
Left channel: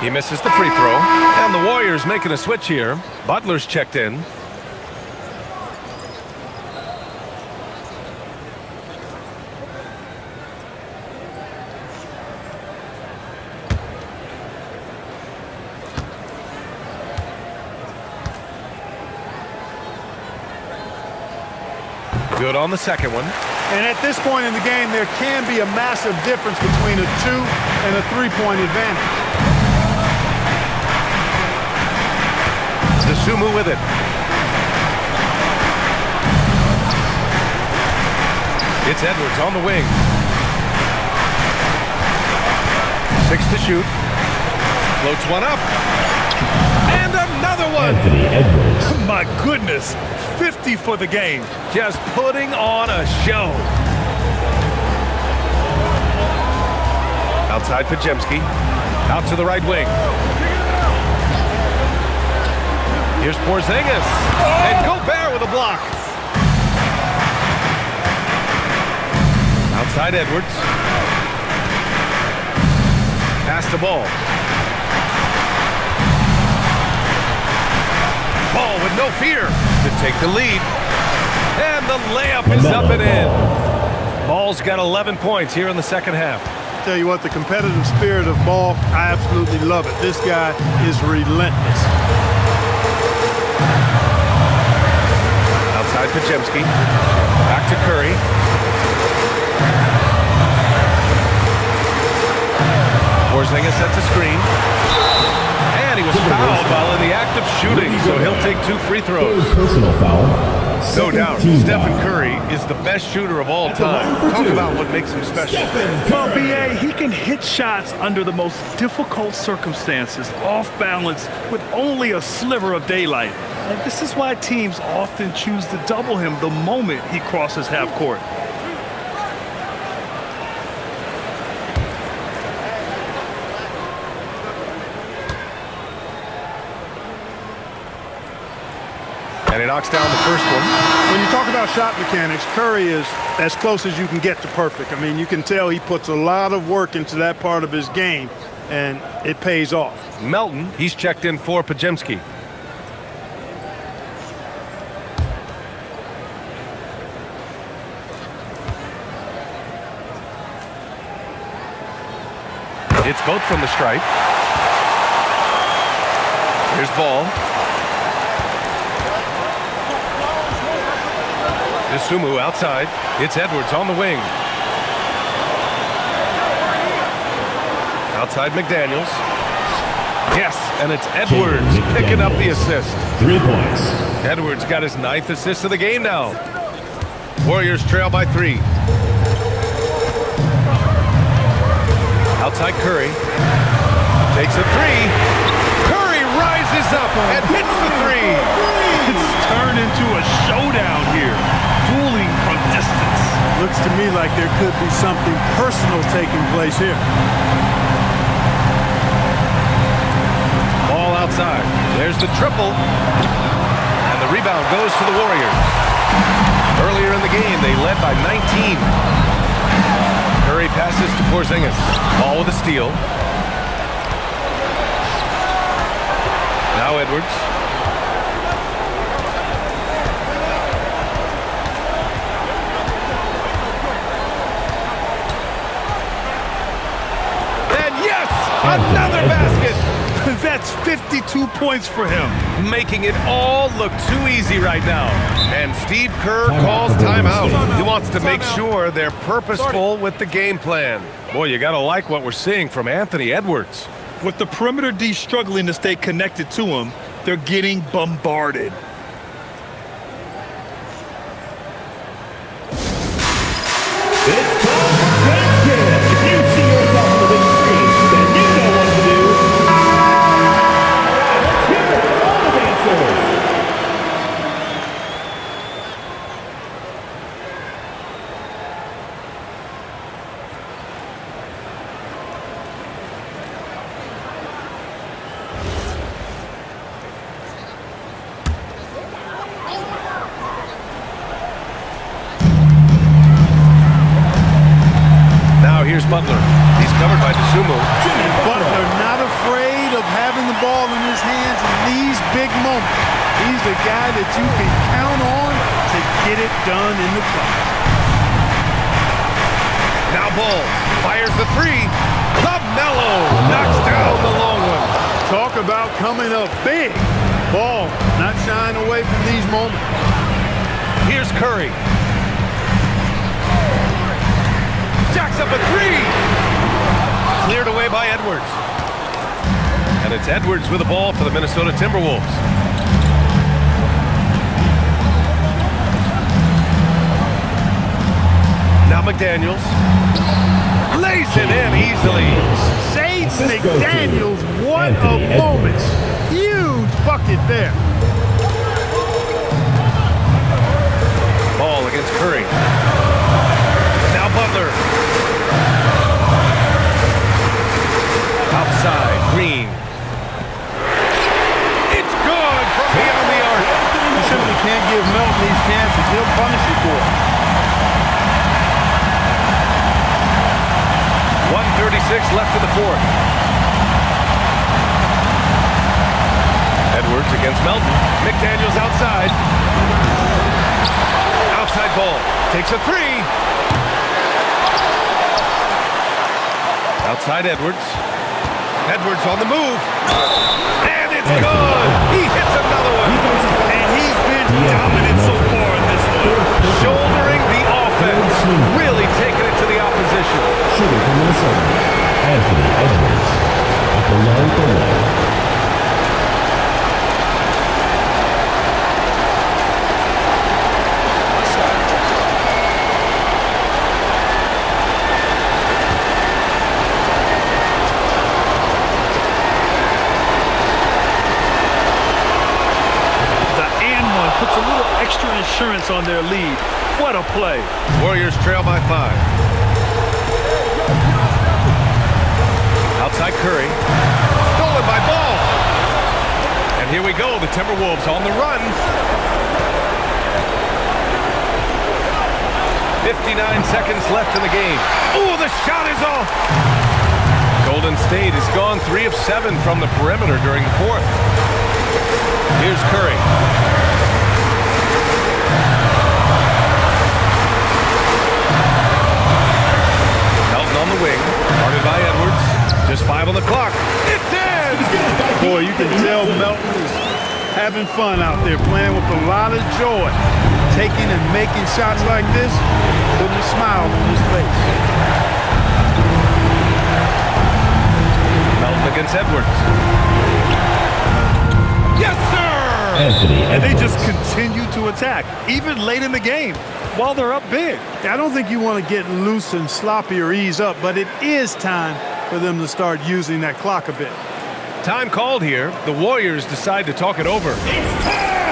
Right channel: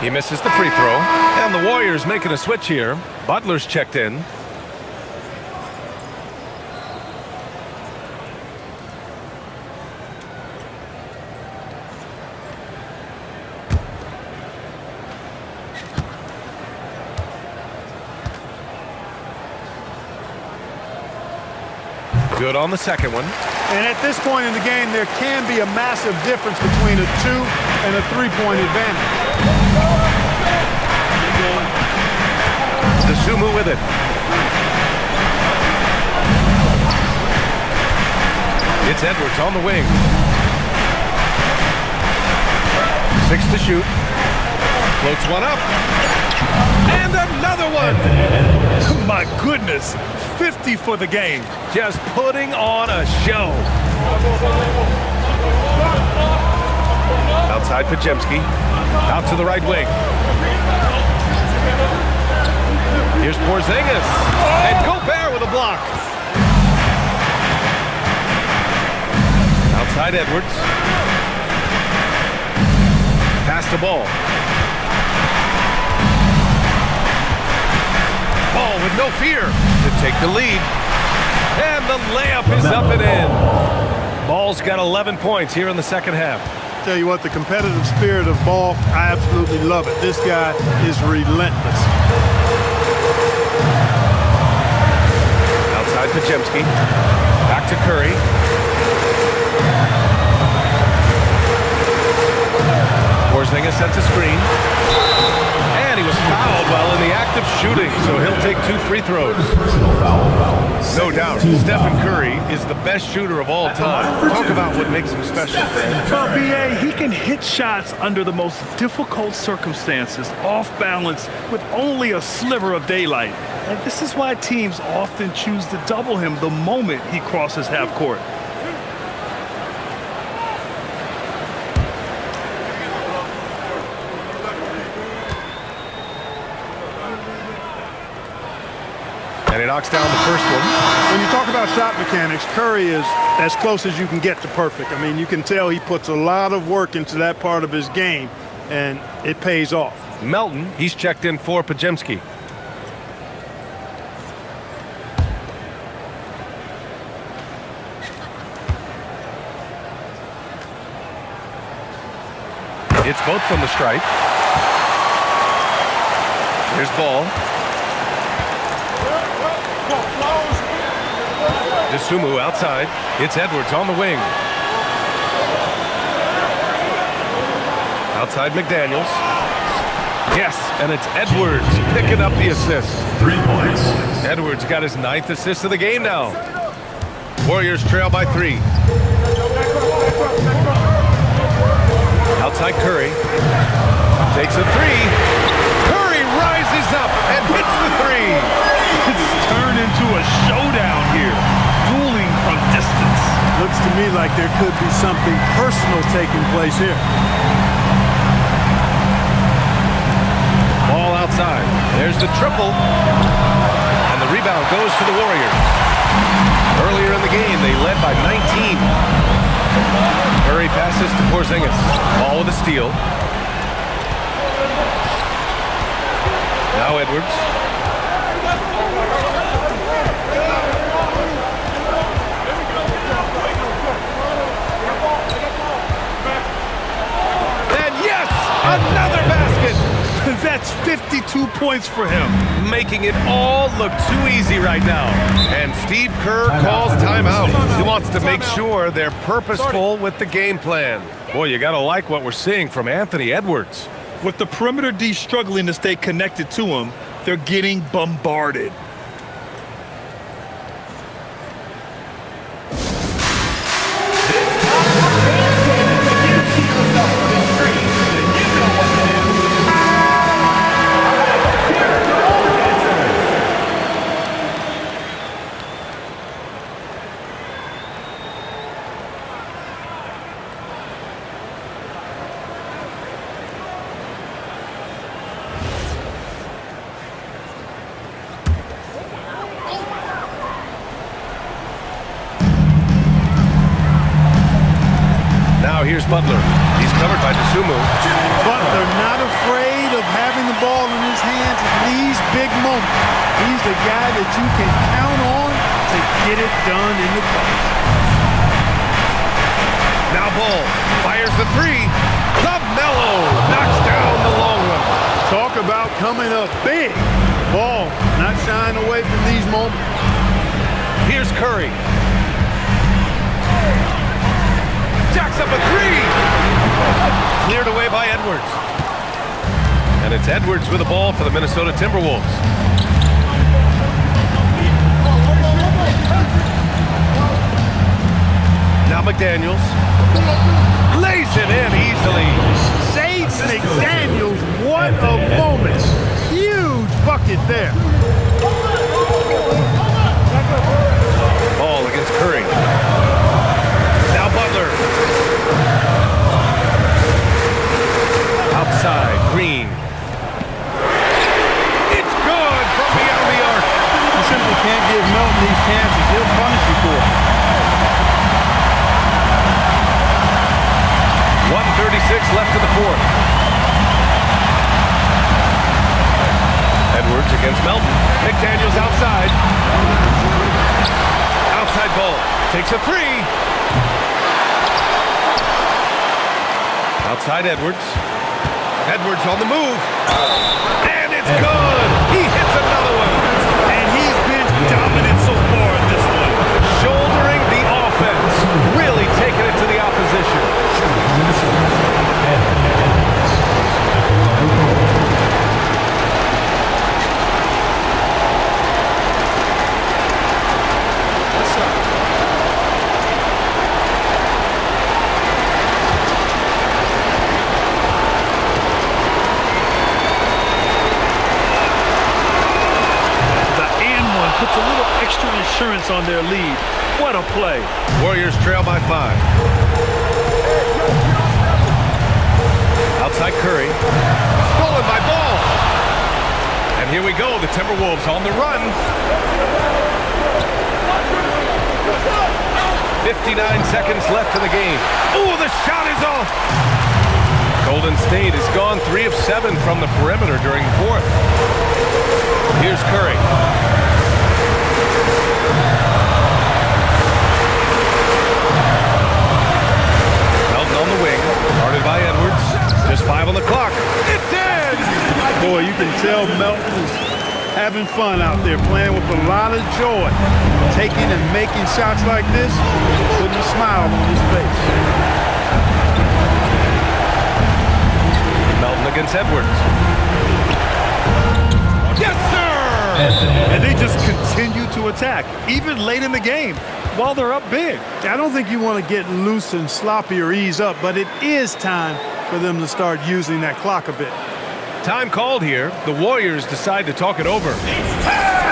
He misses the free throw. And the Warriors making a switch here. Butler's checked in. Good on the second one. And at this point in the game, there can be a massive difference between a 2- and a 3-point advantage. Sumu with it. It's Edwards on the wing. 6 to shoot. Floats one up. And another one. My goodness, 50 for the game. Just putting on a show. Outside Pajemski. Out to the right wing. Here's Porzingis. And Gobert with a block. Outside Edwards. Pass the ball. Ball with no fear to take the lead. And the layup is up and in. Ball's got 11 points here in the second half. Tell you what, the competitive spirit of Ball, I absolutely love it. This guy is relentless. Outside Pajemski. Back to Curry. Porzingis sets a screen. And he was fouled while in the act of shooting, so he'll take 2 free throws. Personal foul. No doubt, Team Stephen foul. Curry is the best shooter of all time. Talk about what makes him special. Well, B.A., he can hit shots under the most difficult circumstances, off balance, with only a sliver of daylight. And this is why teams often choose to double him the moment he crosses half court. And he knocks down the first one. When you talk about shot mechanics, Curry is as close as you can get to perfect. I mean, you can tell he puts a lot of work into that part of his game, and it pays off. Melton, he's checked in for Pajemski. It's both from the stripe. Here's ball. DeSumo outside. It's Edwards on the wing. Outside McDaniels. Yes, and it's Edwards picking up the assist. 3 points. Edwards got his 9th assist of the game now. Warriors trail by 3. Outside Curry. Takes a 3. Curry rises up and hits the 3. It's turned into a showdown here. Dueling from distance. Looks to me like there could be something personal taking place here. Ball outside. There's the triple. And the rebound goes to the Warriors. Earlier in the game, they led by 19. Curry passes to Porzingis. Ball with a steal. Now Edwards. And yes! Another basket! That's 52 points for him. Making it all look too easy right now. And Steve Kerr calls timeout. He wants to make sure they're purposeful with the game plan. Boy, you gotta like what we're seeing from Anthony Edwards. With the perimeter D struggling to stay connected to him, they're getting bombarded. It's time for basket. If you see yourself on the screen, then you know what to do. Let's hear it for all the dancers. Now here's Butler. He's covered by DeSumo. And Butler not afraid of having the ball in his hands in these big moments. He's the guy that you can count on to get it done in the clutch. Now Ball fires the 3. Mello knocks down the long one. Talk about coming up big. Ball not shying away from these moments. Here's Curry. Jacks up a 3. Cleared away by Edwards. And it's Edwards with the ball for the Minnesota Timberwolves. Now McDaniels. Lays it in easily. Sage McDaniels, what a moment. Huge bucket there. Ball against Curry. Now Butler. Outside, Green. It's good from beyond the arc. You simply can't give Melton these chances. He'll punish you for it. 1:36 left in the 4th. Edwards against Melton. McDaniels outside. Outside Ball. Takes a 3. Outside Edwards. Edwards on the move. And it's good. He hits another one. And he's been dominant so far in this one. Shouldering the offense. Really taking it to the opposition. Shooting from Minnesota, Anthony Edwards. At the line for one. Puts a little extra insurance on their lead. What a play. Warriors trail by 5. Outside Curry. Stolen by Ball. And here we go. The Timberwolves on the run. 59 seconds left in the game. Oh, the shot is off. Golden State has gone 3 of 7 from the perimeter during the 4th. Here's Curry. On the wing, guarded by Edwards. Just 5 on the clock. It's in! Boy, you can tell Melton is having fun out there, playing with a lot of joy. Taking and making shots like this, putting a smile on his face. Melton against Edwards. Yes, sir! And they just continue to attack, even late in the game, while they're up big. I don't think you want to get loose and sloppy or ease up, but it is time for them to start using that clock a bit. Time called here. The Warriors decide to talk it over.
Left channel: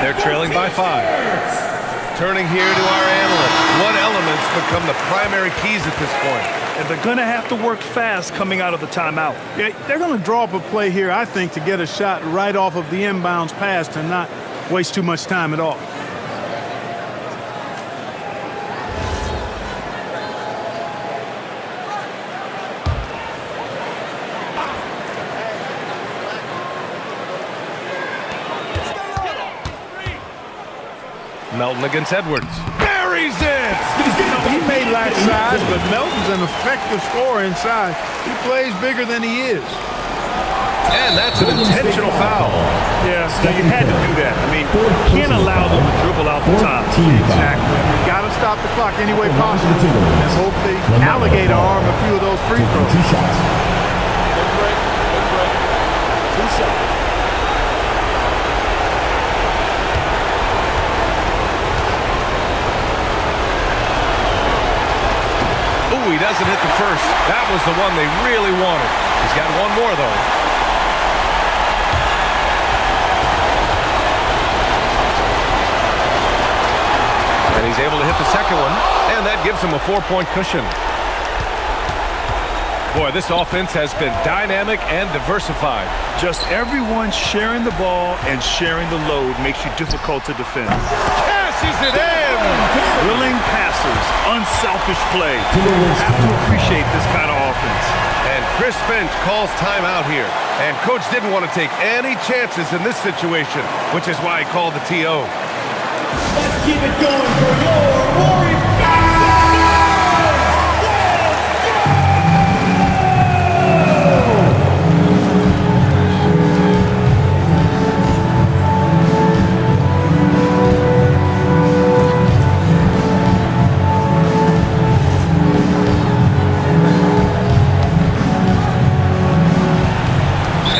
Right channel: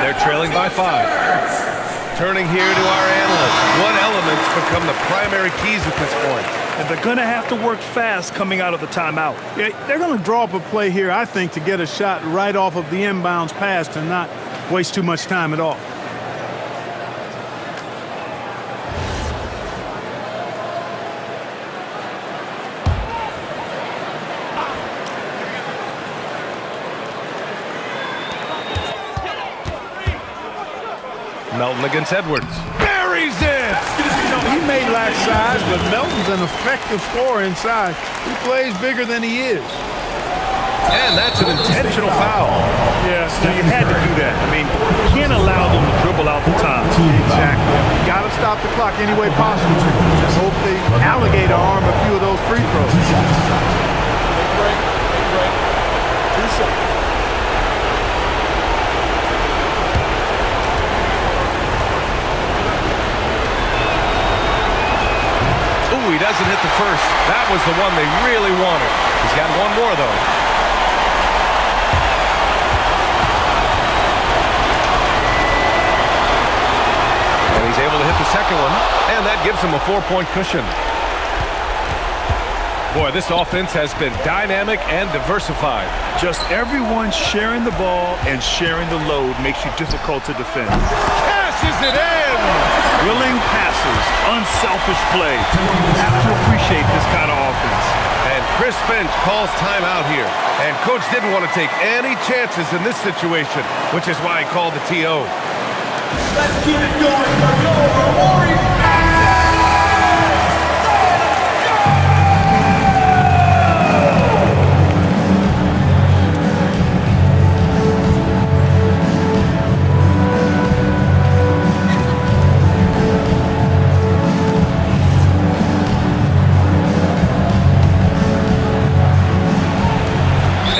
They're trailing by 5. Turning here to our analysts. What elements become the primary keys at this point? And they're going to have to work fast coming out of the timeout. Yeah, they're going to draw up a play here, I think, to get a shot right off of the inbounds pass and not waste too much time at all. Melton against Edwards. Buries it! You know, he may lack size, but Melton's an effective scorer inside. He plays bigger than he is. And that's an intentional foul. Yeah, so you had to do that. I mean, you can't allow them to dribble out the time. Exactly. You got to stop the clock any way possible. And hope they alligator arm a few of those free throws. Take a break. Take a break. 2 shots. Ooh, he doesn't hit the first. That was the one they really wanted. He's got one more, though. And he's able to hit the second one, and that gives him a 4-point cushion. Boy, this offense has been dynamic and diversified. Just everyone sharing the ball and sharing the load makes you difficult to defend. Cashes it in! Willing passers, unselfish play. You have to appreciate this kind of offense. And Chris Finch calls timeout here. And Coach didn't want to take any chances in this situation, which is why he called the TO. Let's keep it going for your Warriors.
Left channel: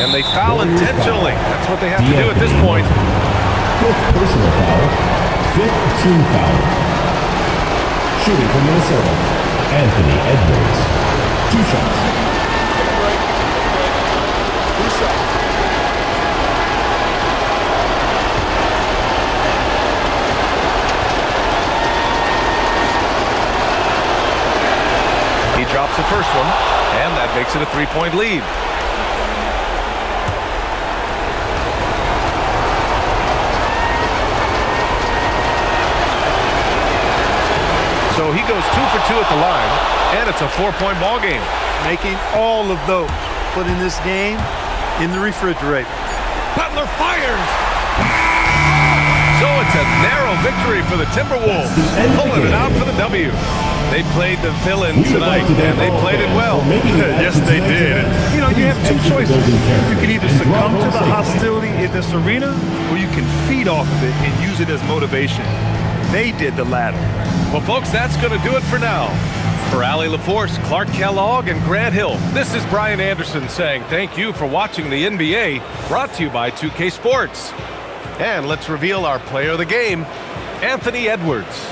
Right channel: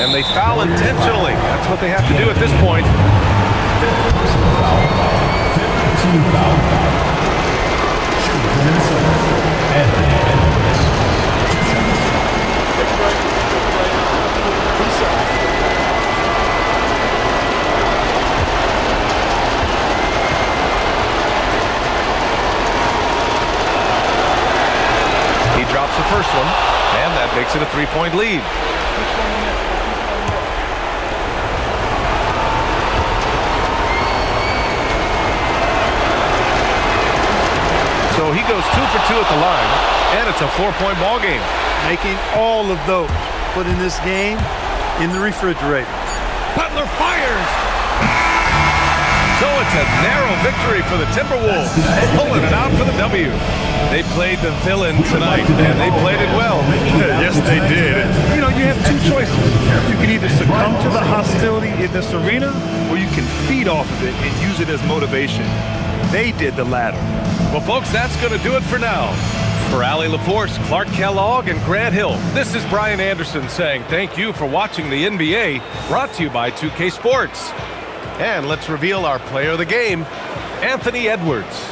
And they foul intentionally. That's what they have to do at this point. 5th personal foul. 5th team foul. Shooting for Minnesota, Anthony Edwards. 2 shots. Take a break. Take a break. 2 shots. He drops the first one, and that makes it a 3-point lead. So he goes 2 for 2 at the line, and it's a 4-point ball game. Making all of those, putting this game in the refrigerator. Butler fires! So it's a narrow victory for the Timberwolves, pulling it out for the W. They played the villain tonight, and they played it well. Yes, they did. You know, you have 2 choices. You can either succumb to the hostility in this arena, or you can feed off of it and use it as motivation. They did the latter. Well, folks, that's going to do it for now. For Allie LaForce, Clark Kellogg, and Grant Hill, this is Brian Anderson saying thank you for watching the NBA, brought to you by 2K Sports. And let's reveal our player of the game, Anthony Edwards.